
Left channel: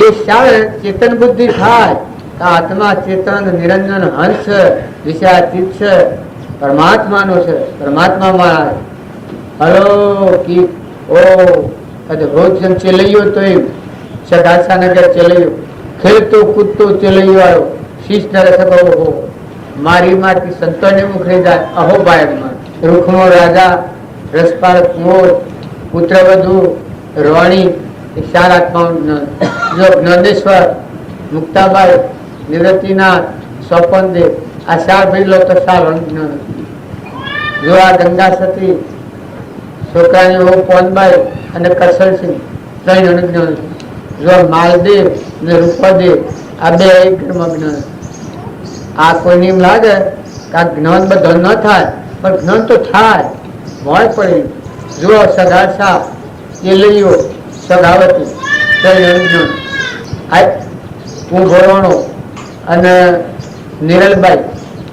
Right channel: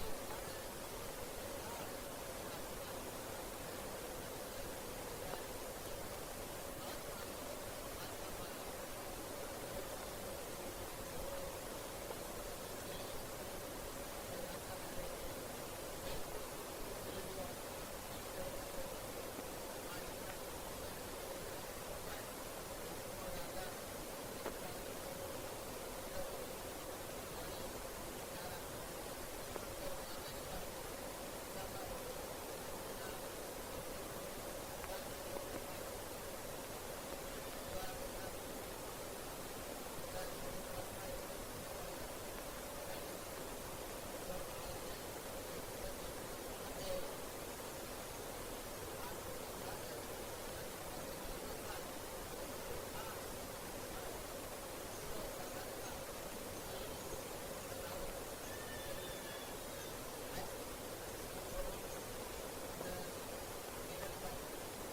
એ શાળે ચેતન બુદ્ધિ થાય તો આત્મા ચેતન નિરંજન હંસ વિષયાતીત છે, પરમાત્માનો છે. પરમાત્મા મારા અલૌકિક ઓ અદભુત જેમ ચેલૈયો તો એમ સગાસાનગર ચેલૈયો, ખેલતો કૂદતો ચેલૈયો આવ્યો, શીશ નરસ હો મારી માટી સંતોને મુખરે જાય અહો બાયડમાં. રૂખનો રાજા, રસપાળ કુંવર, પુત્રવધુ, રોણી એ ચાર આત્માઓ. જો જ્ઞાનેશ્વર, મુક્તાબાઈ, નિવૃત્તિનાથ, સ્વપનદેવ આ ચાર ભાઈ લો તો ચાર જ્ઞાન. જો આ ગંગા સતી, છોકરાની વહુ પોનબાઈ અને કરસલસિંહ 3 અનુજ્ઞાન. જો માલદેવ ને રૂપદેવ આ 2 એક ઘરમાં જ્ઞાન. આ કોઈને એમ લાગે કે આ જ્ઞાન બધો ન થાય, પણ જ્ઞાન તો થાય, મોય પડી. જો સગાસા, ચેલૈયો, સગાવતી 3 અનુજ્ઞાન. આ કુંભરોણો અને નિરલબાઈ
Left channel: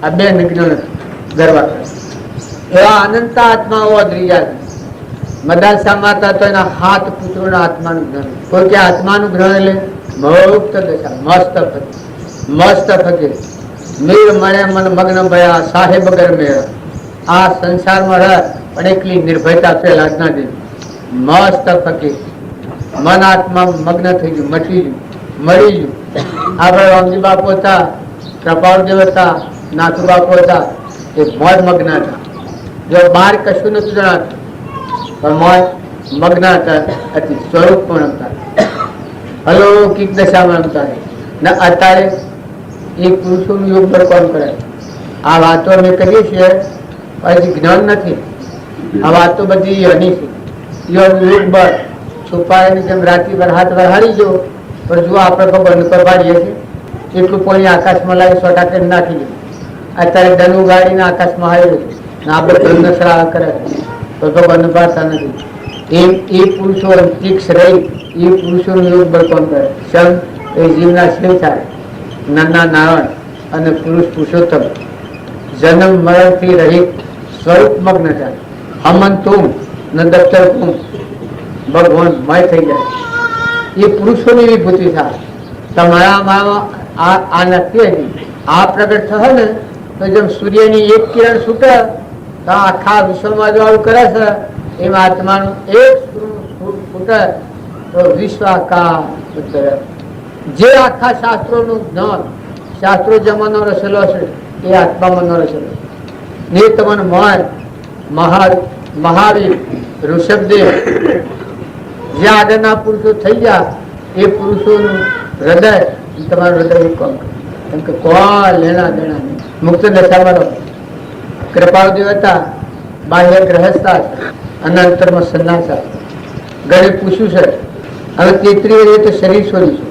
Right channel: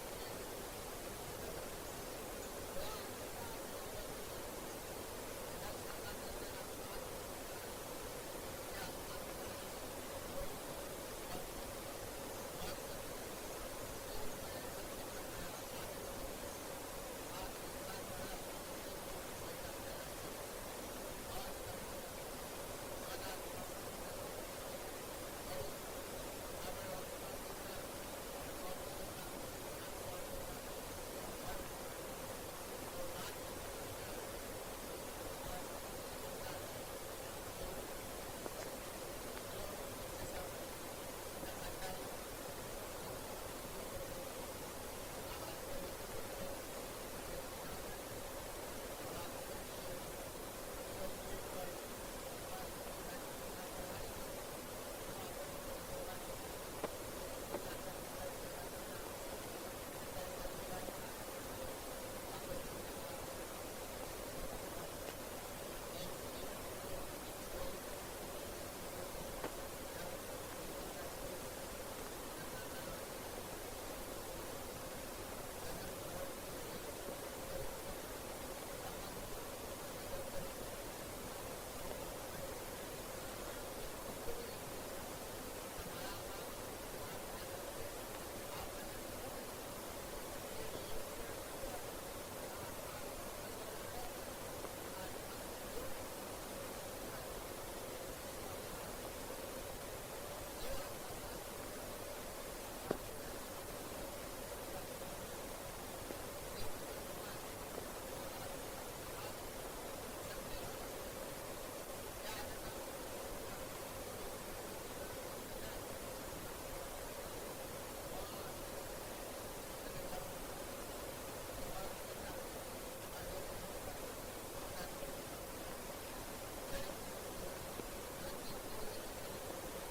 આ 2 નિજ્ઞાન ગરબા કરે. એવા અનંત આત્માઓ અદ્રિયા છે. મદાસા માતા તો એના 7 પુત્રોના આત્માનું જ્ઞાન. કોઈ કે આત્માનું જ્ઞાન એટલે મુક્ત દશા, મસ્ત ફકીર. મીર મળે મન મગ્ન ભયા, સાહેબ ગર મેળા. આ સંસારમાં રહ પણ એકલી નિર્ભયતા ફેલા જ ના દે. મસ્ત ફકીર, મન આત્મા મગ્ન થઈ ગયું, મટી ગયું, મળી ગયું. આપણે રામજી બાપુ હતા, કૃપાળદેવ હતા, નાથુ બાપુ હતા, એ મોજ મગ્ન હતા. જો બહાર કશું નથી જણાતું, પણ મોજ મગ્ન હતા, અતિ સ્વરૂપ પણ હતા, અલૌકિક દશામાં હતા. ને અત્યારે એ પુરુષોનું યોગ પર કોણ કરે? આ વાતો અમે કરીએ છીએ હજી જ્ઞાન નથી. આ વાતો બધી હની છે. યોગ બળ છુપાયેલી જેમ રાત્રિ પર હાથ વરહાડી જો, પણ જો આપણે ભગવાન ઉપર પાડીએ છીએ એટલું પાણી આકાશમાં લાવી 100 કરી નાખી દે. અત્યારે ધનુ ગાડીને આકાશમાં આવેલું છે, આપણે ધર્મશાળા કરે તો ભગવાન પાડતા નથી. એમ એ પુરુષો તીક્ષ રહી એ પુરુષોનું યોગ બળ કોણ કરે? શમ એ જીવના શિવ થાય, નાના નારાયણ અને પુરુષ પુરુષોત્તમ જન્મ મરણથી રહિત સ્વરૂપ મગ્ન થાય. હમન તું ન દફતર તું ભગવાન મય થઈ જાય. એ પુરુષોની વિભૂતિ થાય. તમારામાં આ નથી હજી. આ પ્રગટ થશે ને તો જેમ સૂર્યની એક કિરણ છૂટે તો આખા વિશ્વમાં જો આવું કરે છે, એમ આત્માનું એક છૂટે તો વિશ્વ આકાર. જે આખા શાસ્ત્રોનું જ્ઞાન, શાસ્ત્રો જમાનો રચેલો છે એ આત્મામાં ન રચેલો. ને તમને મહાવીર, ઋષભદેવ જે આગળના પુરુષો થઈ ગયા એ પુરુષોનું હૃદય તમારું હૃદય કોમ કેમ કે કોઈ લેણા દેણા નહીં. મુક્ત દશામાં કૃપાળદેવ હતા, બાહ્ય ગ્રહસ્થા અને અંતરમાં સંન્યાસા. ઘરે પૂછ્યું છે હવે 33 વર્ષે તો શરીર છોડી છે,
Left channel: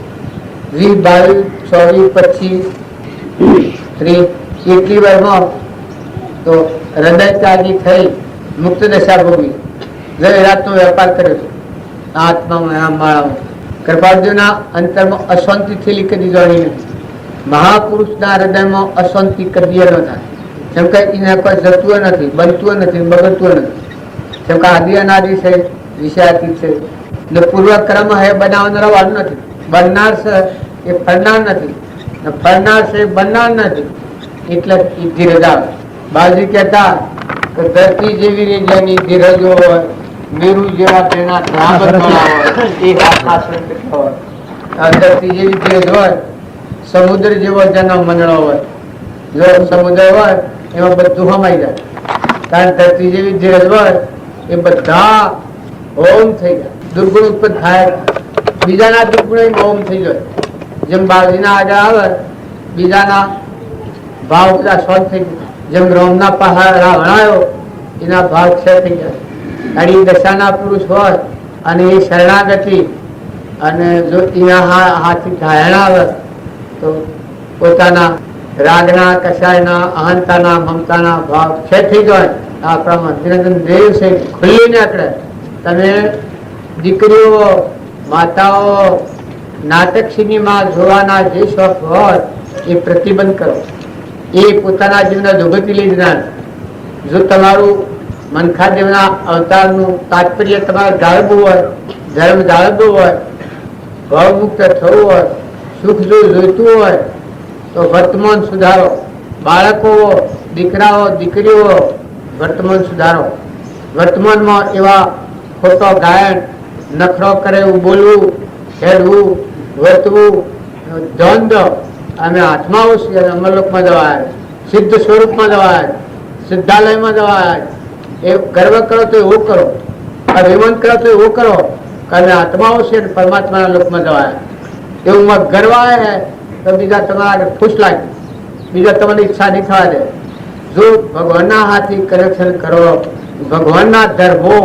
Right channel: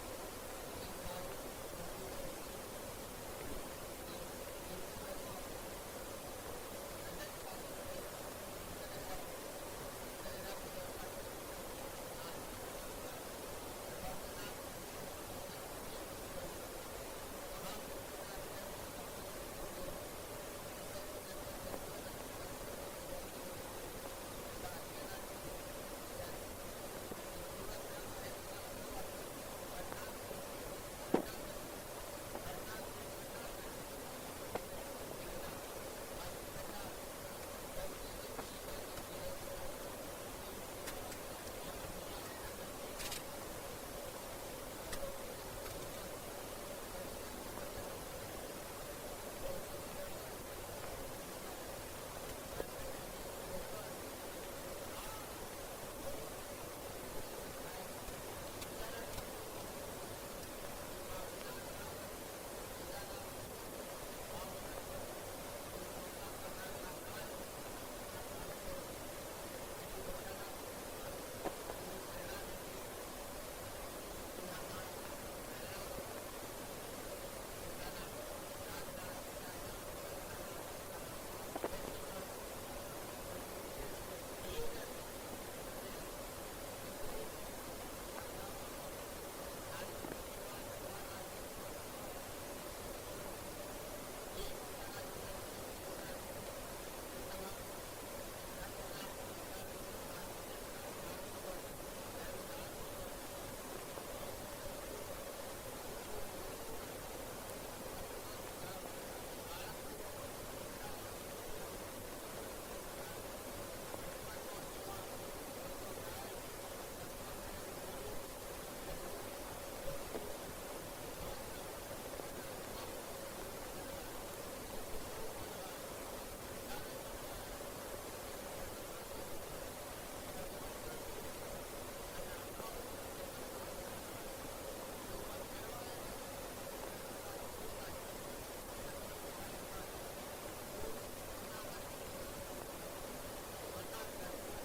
20, 22, 24, 25, 30 એટલી વારમાં તો હૃદય ત્યાગી થઈ મુક્ત દશા ભોગવી રાતનો વેપાર કર્યો છે આત્મામાં આમ માળામાં. કૃપાળદેવના અંતરમાં અશાંતિ થયેલી કદી જાણી નથી. મહાપુરુષના હૃદયમાં અશાંતિ કદી ન થાય કેમ કે એને કોઈ જતું નથી, બનતું નથી, બગડતું નથી. કેમ કે આદિ અનાદિ છે, વિષયાતીત છે. ને પૂર્વક્રમ હે બનાવનાર વાળું નથી. બનનાર છે એ ફરનાર નથી, ફરનાર છે એ બનનાર નથી. એટલે ધીરજ આવે. બાજી કહેતા કે ધરતી જેવી જેની ધીરજો હોય, મેરુ જેવા તેના ધરતી જેવી ધીરજ હોય, સમુદ્ર જેવો જેનો મંડળો હોય. જો સમુદ્ર હોય એમાં બધું હમાઈ જાય. કારણ ધરતી જેવી ધીરજ હોય એ બધા હોમ થઈ જાય. દુર્ગુણ ઉત્પન્ન થાય, બીજાના દુર્ગુણ હોમ થઈ જાય. જેમ બાળજીના આગળ આવે બીજાના ભાવ બધા સોલ્વ થઈ જાય. જેમ રોમના પહાડ વણાયો એના ભાવ ક્ષય થઈ જાય. અડી દશાના પુરુષ હોય અને એ શરણાગતિ અને જો એના હાથથી ધારણા આવે તો પોતાના રાગના, કસાયના, અહંતાના, મમતાના ભાવ ક્ષય થઈ જાય. આપણા નિરંજન દેવ છે ખુલ્લી નીકળે. તમે દીકરીઓ, માતાઓ નાટક સિનેમા જોવાના જે શોખ હોય એ પ્રતિબંધ કરો. એ પોતાના જીવના જોગતી લઈ જનાર. જો તમારું મનખાદેવના અવતારનું તાત્પર્ય તમારે જાળવવું હોય, ધર્મ જાળવવું હોય, ભાવમુક્ત થવું હોય, સુખ જો જોઈતું હોય તો વર્તમાન સુધારો. બાળકો, દીકરાઓ, દીકરીઓ વર્તમાન સુધારો. વર્તમાનમાં એવા ખોટો ગાયન, નખરો કરે એવું બોલવું, હેડવું, વર્તવું, દ્વંદ અમે હાથમાં આવશે અને અમરલોકમાં જવાય, સિદ્ધ સ્વરૂપમાં જવાય, સિદ્ધાલયમાં જવાય. એ ગર્વ કરો તો એવું કરો, અભિમાન કરો તો એવું કરો કે અમે આત્મા આવશે અને પરમાત્માના લોકમાં જવાય. એવું ગર્વ આવે તો બીજા તમારા ખુશ લાગે, બીજા તમારી ઈચ્છા નહીં થવા દે. જો ભગવાનના હાથથી કનેક્શન કરો, ભગવાનના ધર્મો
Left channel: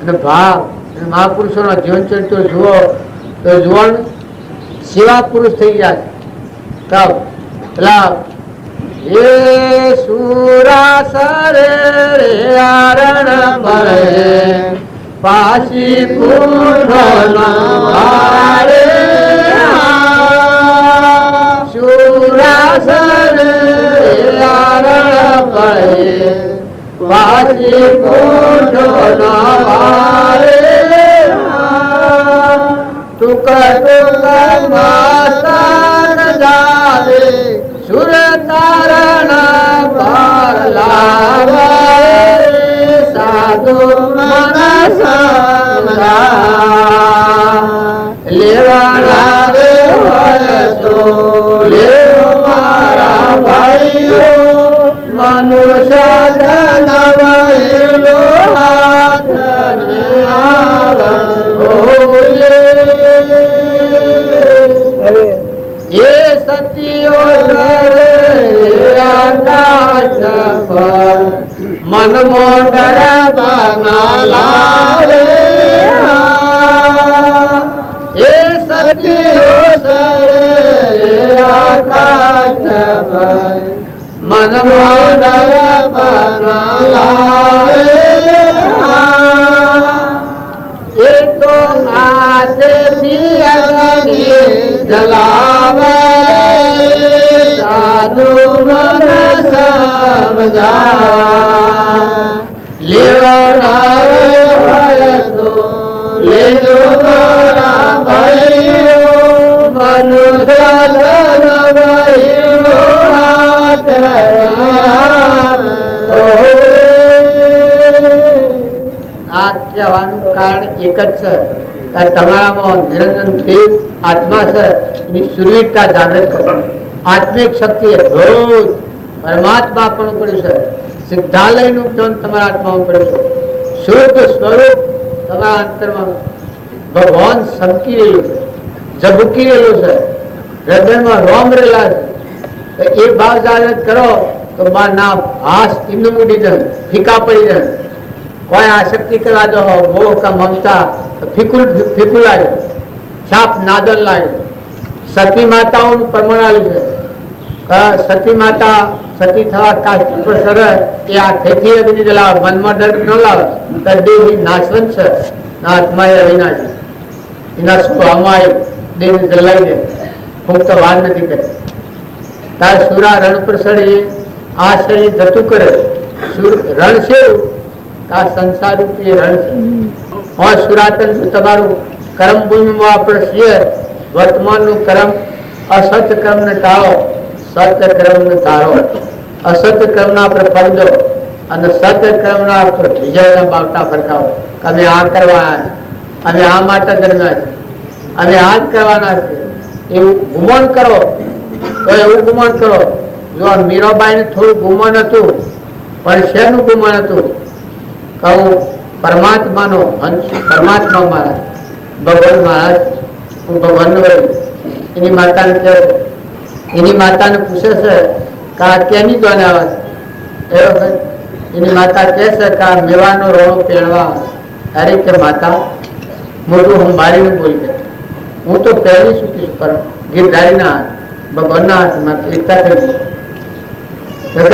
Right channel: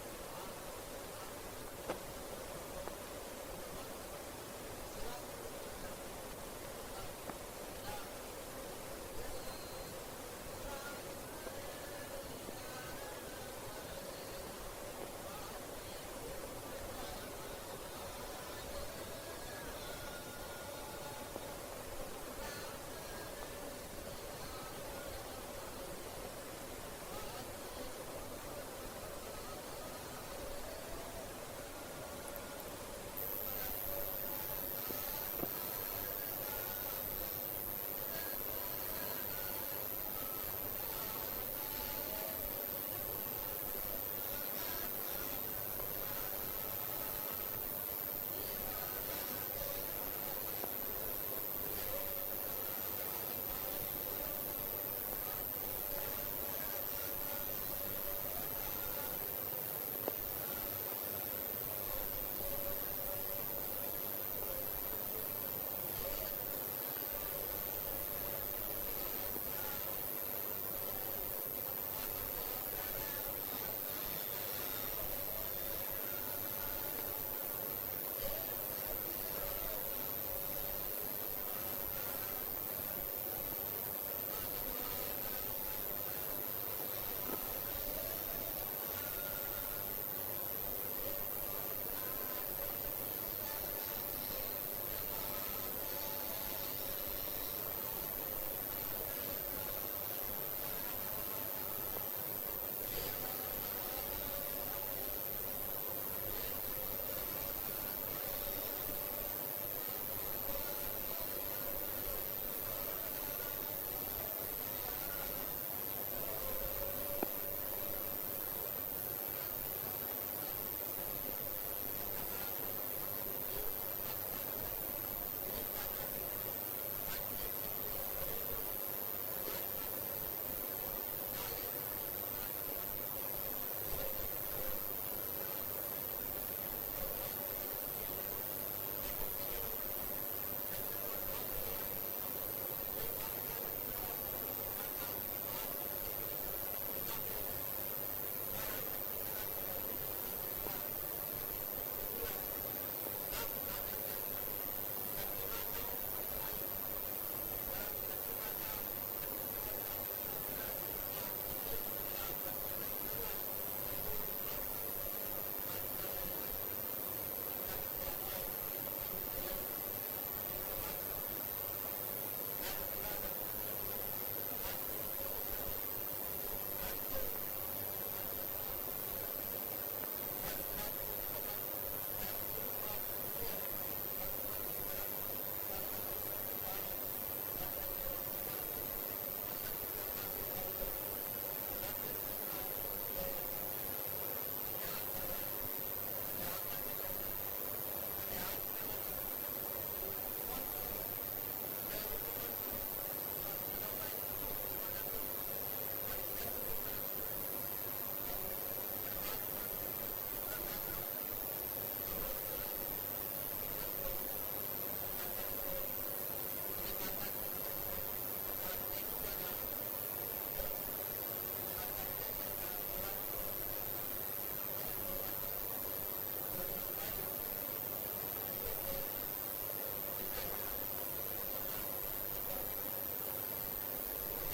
અને ભાવ અને મહાપુરુષોના જીવન ચરિત્રો જુઓ તો જુવાન સેવા પુરુષ થઈ જાય. એ સુરાસરે આરણ મળે પાછી પૂર્ણ સુરાસરે આરણ મળે પાછી પૂર્ણ સુર તારણ પર લાવે સાધુ મન લેવાના રે હોય તો લેવો મારા ભાઈઓ. મનુષ્ય જનવૈલો હાથ એ સતીઓ મન મોટર બનાલાવે એ સતીઓ મન મોટર બનાલાવે એ તો આશેથી અગ્નિ જલાવે સાધુ મન સમજા લેવાના હોય તો લેજો મારા ભાઈઓ. મનુષ્ય જનવૈલો હાથ આ કહેવાનું કારણ એક જ છે કે તમારામાં નિરંજન દેવ આત્મા છે એની સુરવીરતા જાગૃત કરો. આત્મિક શક્તિ રોજ પરમાત્મા પણ પડ્યું છે. સિદ્ધાલયનું જ્ઞાન તમારા આત્મામાં પડ્યું છે. શુદ્ધ સ્વરૂપ તમારા અંતરમાં ભગવાન સમકી રહ્યું છે. ઝબૂકી રહેલું છે, હૃદયમાં રોમ રહેલા છે. એ ભાવ જાગૃત કરો તો ના હાસ ઇન્દુ મૂડી જાય, ફીકા પડી જાય. કોઈ આસક્તિ કરવા દો, મોહ કા મમતા ફીકુલ ફીકુલ લાગે, છાપ નાદલ લાગે. સતી માતાઓનું પ્રમાણ આવ્યું છે. સતી માતા સતી થવા કાસ્ટ પર સરળ એ આ ખેતી બધી જલાવે, મનમાં ડર ન લાવે. દેહ નાશવંત છે, ના આત્મા એ વિનાશ, એના સ્વભાવમાં દેહ જલાઈ દે, મુક્ત વાર નથી કરે. તાર સુરા રણ પર ચડી આ શરીર જતું કરે. રણ છે આ સંસાર રૂપી રણ છે. સુરાતન તમારું કર્મ ભૂમિમાં આપણે છીએ. વર્તમાનનું કર્મ અસત કર્મ ને ટાળો, સત્ય કર્મ ને તારો. અસત્ય કર્મ ના આપણે ફળ દો અને સત્ય કર્મ ના આપણે વિજયના બાવટા ફરકાવો. અમે આ કરવાના, અમે આ માટે કરવાના છે, અમે આ જ કરવાના છે એવું ગુમાન કરો. તો એવું ગુમાન કરો. જો મીરાબાઈ ને થોડું ગુમાન હતું, પણ શેનું ગુમાન હતું? કહું પરમાત્માનો અંશ, પરમાત્મા મહારાજ, ભગવાન મહારાજ, હું ભગવાન એની માતાને કહે, એની માતાને પૂછે છે કે આ કેની દ્વાને આવે છે? એની માતા કહે છે કે આ મેવાનો રોણો પહેરવા. અરે કે માતા મોટું હું મારીને બોલી ગઈ, હું તો પહેરી ચૂકી છું, પણ ગીરધારીના ભગવાનના હાથમાં એકતા થઈ ગઈ.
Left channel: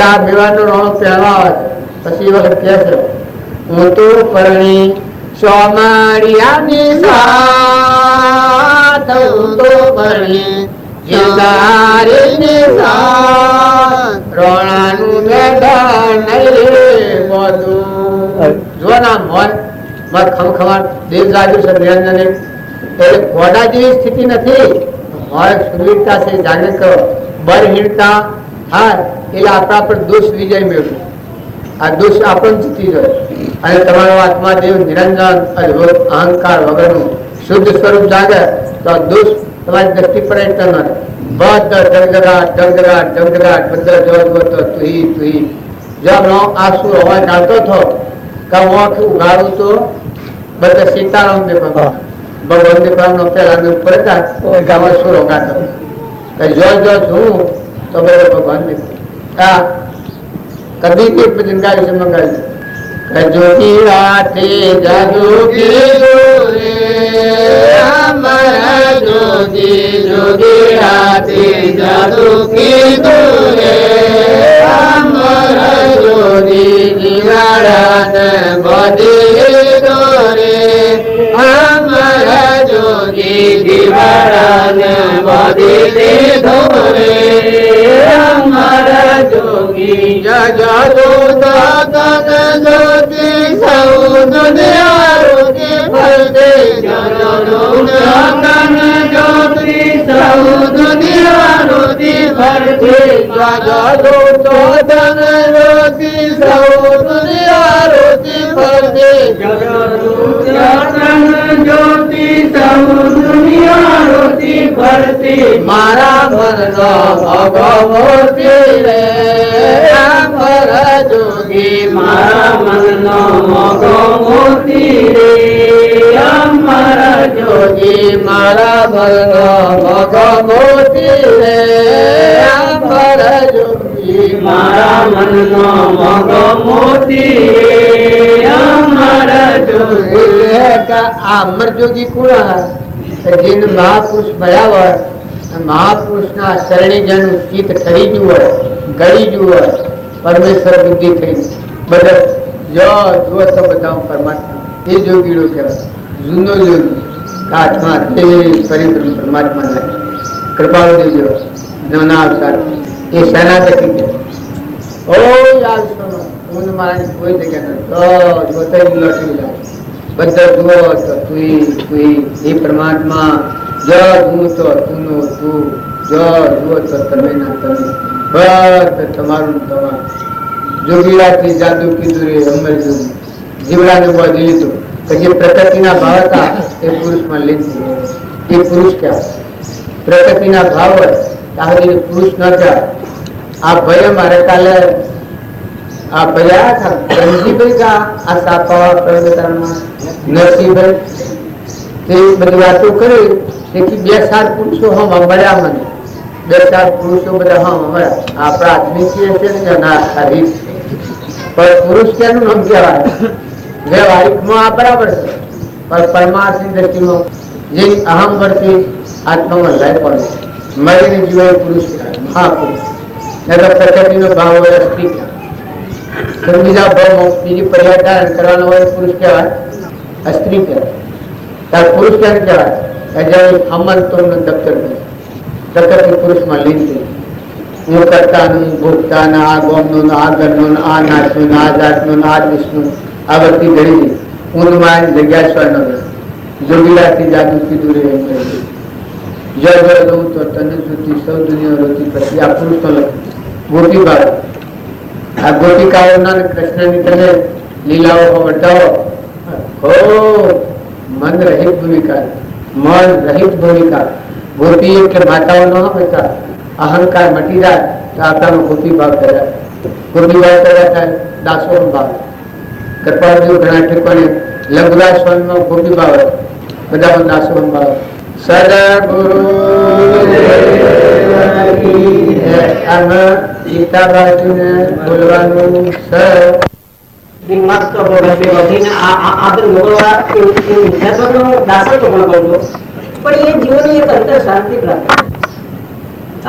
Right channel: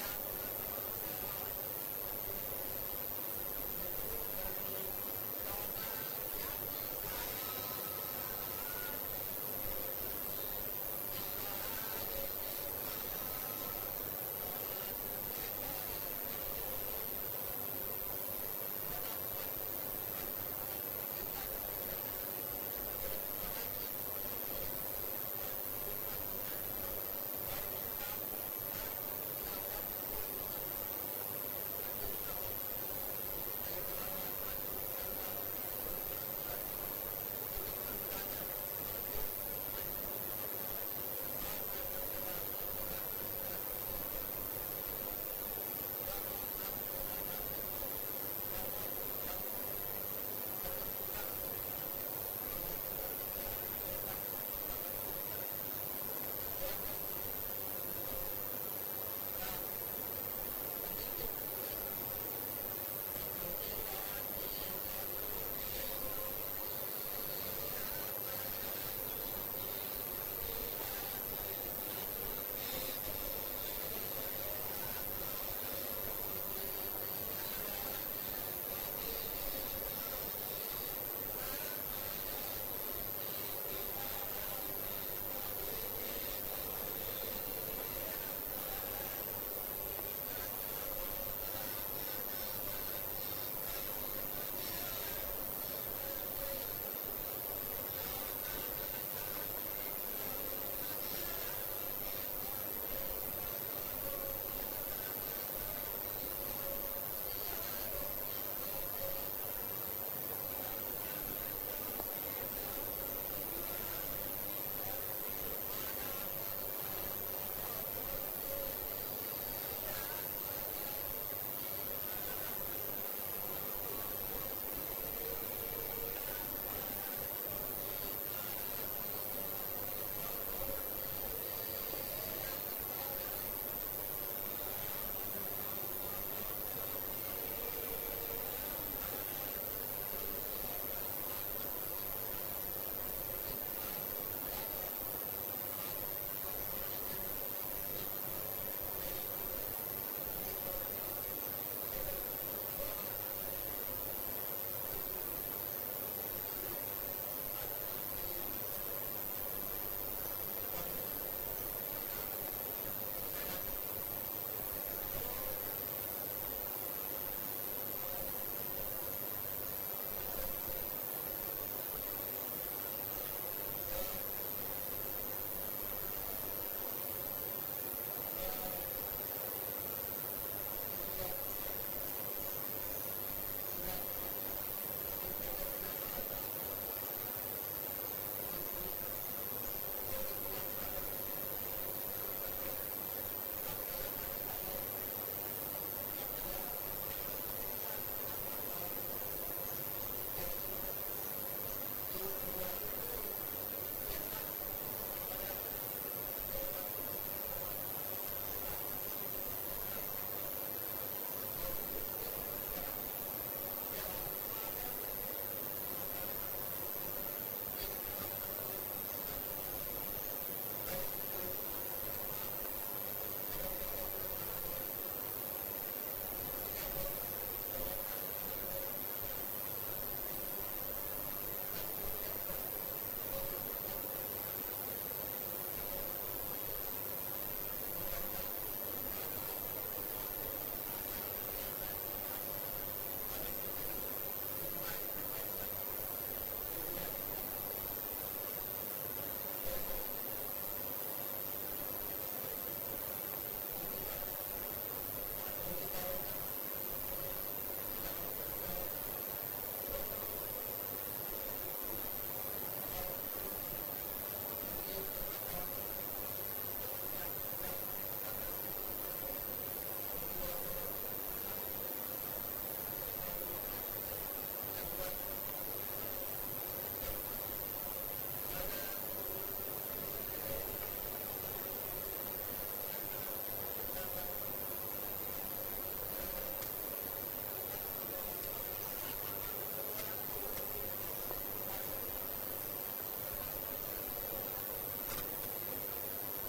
આ મેવાનો રોણો પહેરવા આવે છે. પછી એ વખત કહે છે હું તો પરણી સોમરિયાની સાથ, હું તો પરણી ગીરધારીની સાથ, રોણાનું મેદાન નહીં બધું. જો ના મોન મત ખમખમાટ દેવ જાજુ છે નિરંજન. એટલે ઘોડા જેવી સ્થિતિ નથી. હોય સુરવીરતા છે, જાગૃત કરો. બરહીણતા હા એટલે આપણા પર દોષ વિજય મેળવ્યો. આ દોષ આપણને જીતી જાય અને તમારો આત્મા દેવ નિરંજન અદભુત અહંકાર વગરનું શુદ્ધ સ્વરૂપ જાગે તો દોષ તમારી દ્રષ્ટિ પર એટલો ન રહે. બધા જગજગાટ જગજગાટ જગજગાટ બધા જોવા તો તુહી તુહી. જો આંસુ હવા ચાલતો થો કે હું ઉગાડું તો બધા સીતારામ દેખવા ભગવાન દેખવાનો પેલા ઉપર હતા ગામમાં સુર ઉગાડતો. જો જો છું તો બધા ભગવાન દેખા. કદી કે ભજન ગાય છે મંગાવી જોગી રાતે જાગોગી રે અમારા જોગી જોગી રાતે જાગોગી રે અમારા જોગી દિવાળાને બધી દોરે અમારા જોગી દિવાળાને બધી દોરે અમારા જોગી જગો દાદન જ્યોતિ સૌ દુનિયા રોકી ફરતે જગો દાદન જ્યોતિ સૌ દુનિયા રોકી ફરતે જગો દાદન જ્યોતિ સૌ દુનિયા રોકી ફરતે જગો દાદન જ્યોતિ સૌ દુનિયા રોકી ફરતે મારા મનનો ભગવતી રે જોગી મારા મનનો મોગો મોતી રે અમારા જોગી મારા મનનો મોગો મોતી રે અમારા જોગી મારા મનનો મોગો મોતી રે અમારા જોગી. આ અમર જોગી કુણા જેને મહાપુરુષ મળ્યા હોય, મહાપુરુષના શરણી જેનું ચિત્ત ઠરી ગયું હોય, ગળી ગયું હોય, પરમેશ્વર બુદ્ધિ થઈ બધા જો જુઓ તો બધા પરમાત્મા એ જોગીડો કહેવાય. જૂનો જોગી આત્મા તે પરિબ્રહ્મ પરમાત્મા લાગે કૃપાળુ દેજો નવના અવતાર એ સેનાપતિ કે ઓ યાદ સુનો હું મારાની કોઈ જગ્યા નથી જોતા લોટી જાય બધા જુઓ તો તું એ પરમાત્મા જો હું તો તું તું જો જુઓ તો તમે ના તમે બસ તમારું તમારું જોગીરાથી જાદુ કીધું રે અમર જોગી જીવડાને બાંધી લીધું. પછી પ્રકૃતિના ભાવ હતા એ પુરુષમાં લીધું. એ પુરુષ કહેવાય. પ્રકૃતિના ભાવ હોય ત્યાં પુરુષ ન કહેવાય. આ ભય મારે કાલે આ ભયા હતા રણજીભાઈ કા આ સાપાવા પ્રવર્તનમાં નરસિંહભાઈ તે બધી વાતો કરી તેથી 2-4 પુરુષો હમ મળ્યા મને, 2-4 પુરુષો બધા હમ મળ્યા. આપણા આદમી છે ને ના રીત, પણ પુરુષ કેનું નામ કહેવાય? વ્યવહારિકમાં આ બરાબર છે, પણ પરમાર્થની દ્રષ્ટિમાં જે અહમ વર્તી આત્મામાં લય પડે મળીને જીવાય પુરુષ કહેવાય, મહાપુરુષ. પ્રકૃતિનો ભાવ હોય સ્ત્રી કહેવાય, બીજા ભાવમાં બીજી પર્યાય ધારણ કરવાનો હોય પુરુષ કહેવાય, સ્ત્રી કહેવાય. ત્યારે પુરુષ કેમ કહેવાય? અમંતો દફતર પ્રકૃતિ પુરુષમાં લીન થઈ, હું કરતાનું, ભોગતાના, આ ગોમનું, આ ઘરનું, આ નાચનું, આ જાતનું, આ દેશનું, આ બધી ઘડી ઊંધમાં જગ્યા સ્વર્ણ જોગીલાથી જાગૃતિ દૂરે જય જય રહું તો તને સુધી સૌ દુનિયા રોતી પછી આ પુરુષ તો લખે ગોપીબાળ. આ ગોપિકાઓના કૃષ્ણની તમે લીલાઓ વર્તાવો, હો મન રહિત ભૂમિકા, મન રહિત ભૂમિકા. ગોપી એટલે માતાઓ ન હોય, અહંકાર મટી જાય તો આપણાનો ગોપી ભાવ કર્યા, ગોપી ભાવ કર્યા થાય દાસો ભાવ. કૃપાળુ ઘણા ઠેકોને લઘુરાજ સ્વામીનો ગોપી ભાવ, બધા દાસો ભાવ. સદગુરુ ગીતાબાજીને બોલવાનું સર મસ્ત વધીને આદર મોકલવા દાસત્વ પણ કરજો, પણ એ જીવનની એક અંતર શાંતિ પ્રાપ્ત.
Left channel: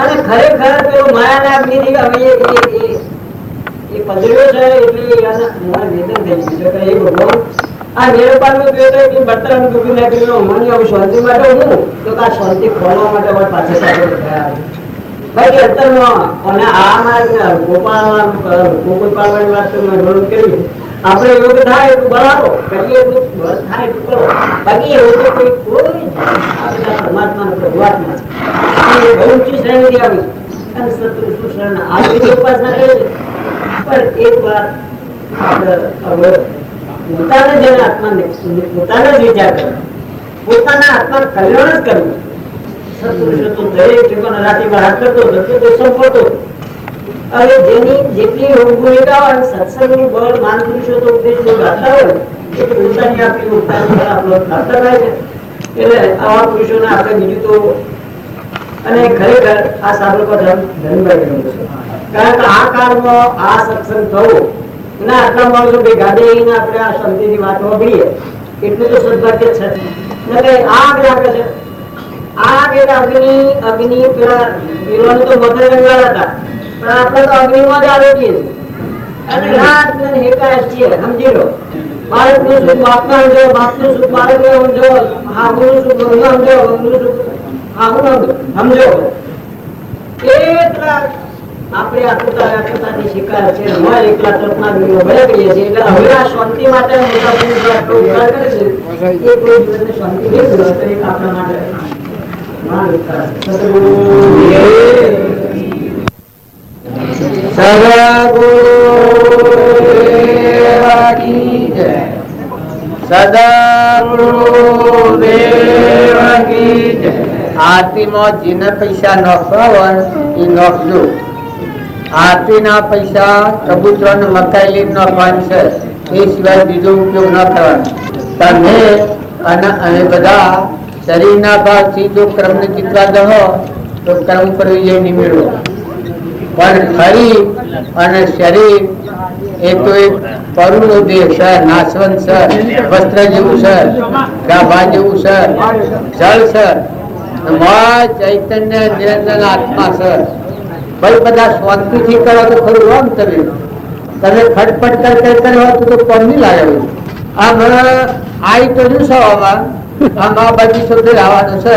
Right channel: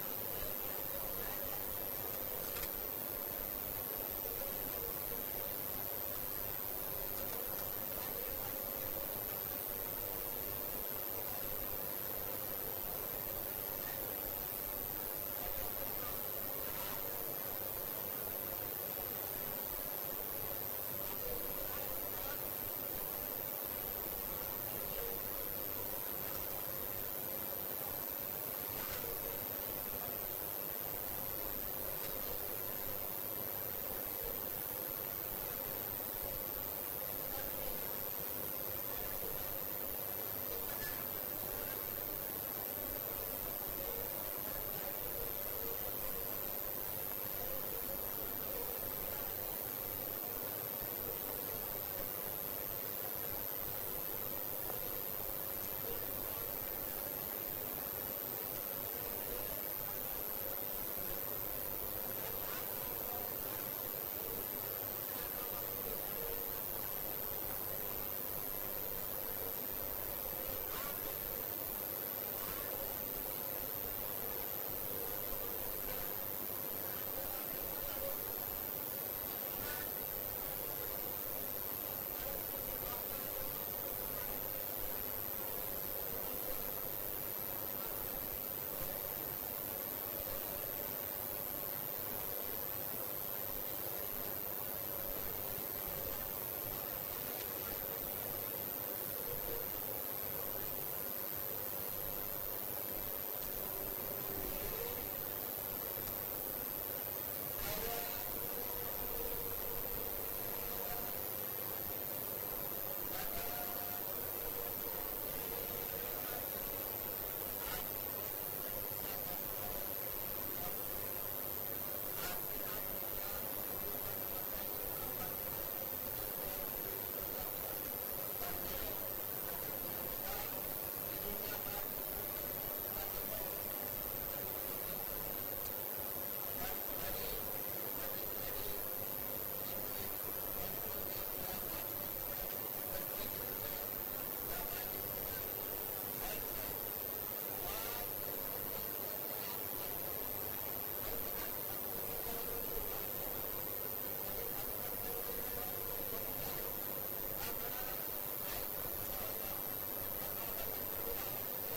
અને ખરેખર પેલો માયાના અગ્નિથી અમે એ પધર્યો છે એટલે વેદન થઈ ગયું છે. એ ભગવાન આ નિરપાલનું કહે છે કે બર્તન ડૂબી નાખ્યું મને હવે શાંતિ માટે હું તો આ શાંતિ ખોલવા માટે અમારે પાછળ સાથે થયા ભાઈ અંતરમાં. અને આ ગોકુળ પાડવાની વાત તો મેં ઘણું કરી. આપણે યોગ થાય એટલું બરાબર કરીએ, એટલું બસ થાય એટલું કરો. બાકી એવું તો કોઈ પરમાત્મા ભગવાત્મા બહુ ઊંચી શ્રેણી આવી અને સત્પુરુષ શરણ આવી ઉપાસના કરે છે. પણ એક વાર પોતાને જેને આત્માને પોતાને જ વિચાર કરે, પોતાના આત્મા કલ્યાણ જ કરવું. સત્પુરુષો તો દરેક ઠેકાણે રાતે બહાર કરતો સંપડતો. હવે જેની જેટલી ભૂમિકા હોય સત્સંગનું બળ માન પુરુષો તો ઉપદેશ ગાતા હોય એ પોતાની આપણી પોતાની આપણો ગાતા થાય છે. એટલે આવા પુરુષોને આપણે બીજું તો અને ખરેખર આ સાબરકો ધનભાઈ ગયું છે. કારણ કે આ કાળમાં આ સત્સંગ થવો અને આટલા માણસો ભેગા થઈને આપણે આ શાંતિની વાત સાંભળીએ એટલું તો સદભાગ્ય છે. આ આગળ આપે છે, આ આગળ અગ્નિ પેલા પીરોને તો મધર રંગાળ હતા, પણ આપણે તો અગ્નિમાં જ આરોગીએ છીએ અને રાત ને એકાએક છીએ. સમજી લો, બાળકનું સુખ બાપના સમજો, બાપનું સુખ બાળકને સમજો, હાહુનું સુખ બહુના સમજો, બહુનું સુખ હાહુના સમજો. એટલા આપણે આકૃતાથી શિકાર છે, એકલા તત્ના ભલે કહીએ છીએ. એટલે હવે આ શાંતિ માટે ઉપકાર કરે છે એ કોઈ દિવસને શાંતિ નહીં મળે તો એક આપણા માટે આરતીમાં જેને પૈસા નોખવા હોય એ નોખજો. આરતી ના પૈસા કબૂતરો ને મકાઈ લઈને નોખવાની છે, એ સિવાય બીજો ઉપયોગ ન કરવાનો. તમે અને બધા શરીરના ભાવથી જો ક્રમ ને જીતવા દો તો કર્મ પર વિજય નહીં મેળવો. પણ ખરી અને શરીર એ તો એક પરુનો દેહ છે, નાશવંત છે, વસ્ત્ર જેવું છે, ગાભા જેવું છે, જળ છે, ચૈતન્ય નિરંજન આત્મા છે. ભાઈ બધા શાંતિથી કરો તો ખરું આમ તમે ખટપટ કરો તો કોણ નહીં લાગે. આમ આવી તો શું આમાં આમ આ બાજુ સુધી આવવાનું છે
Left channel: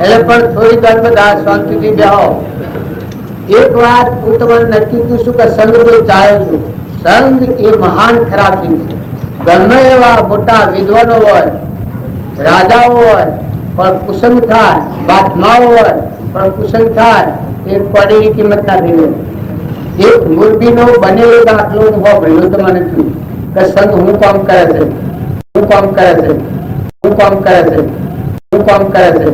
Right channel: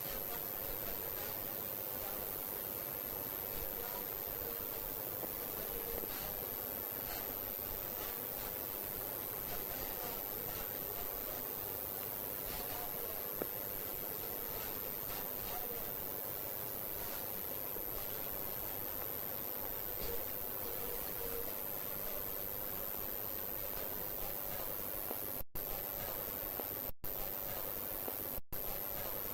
એટલે પણ થોડી વાર બધા શાંતિથી બેહો. એક વાત હું તમને નક્કી કહું છું કે સંગ તો ચાલે છું. સંગ એ મહાન ખરાબ ચીજ છે. ગમે એવા મોટા વિદ્વાનો હોય, રાજાઓ હોય, પણ કુસંગ થાય, બાતમાઓ હોય પણ કુસંગ થાય એ કોડીની કિંમત ના થઈ. એક મૂર્તિનો બનેલો દાખલો હું ભણ્યો તો મને થયું કે સંગ હું કામ કરે છે, હું કામ કરે છે, હું કામ કરે છે, હું કામ કરે છે.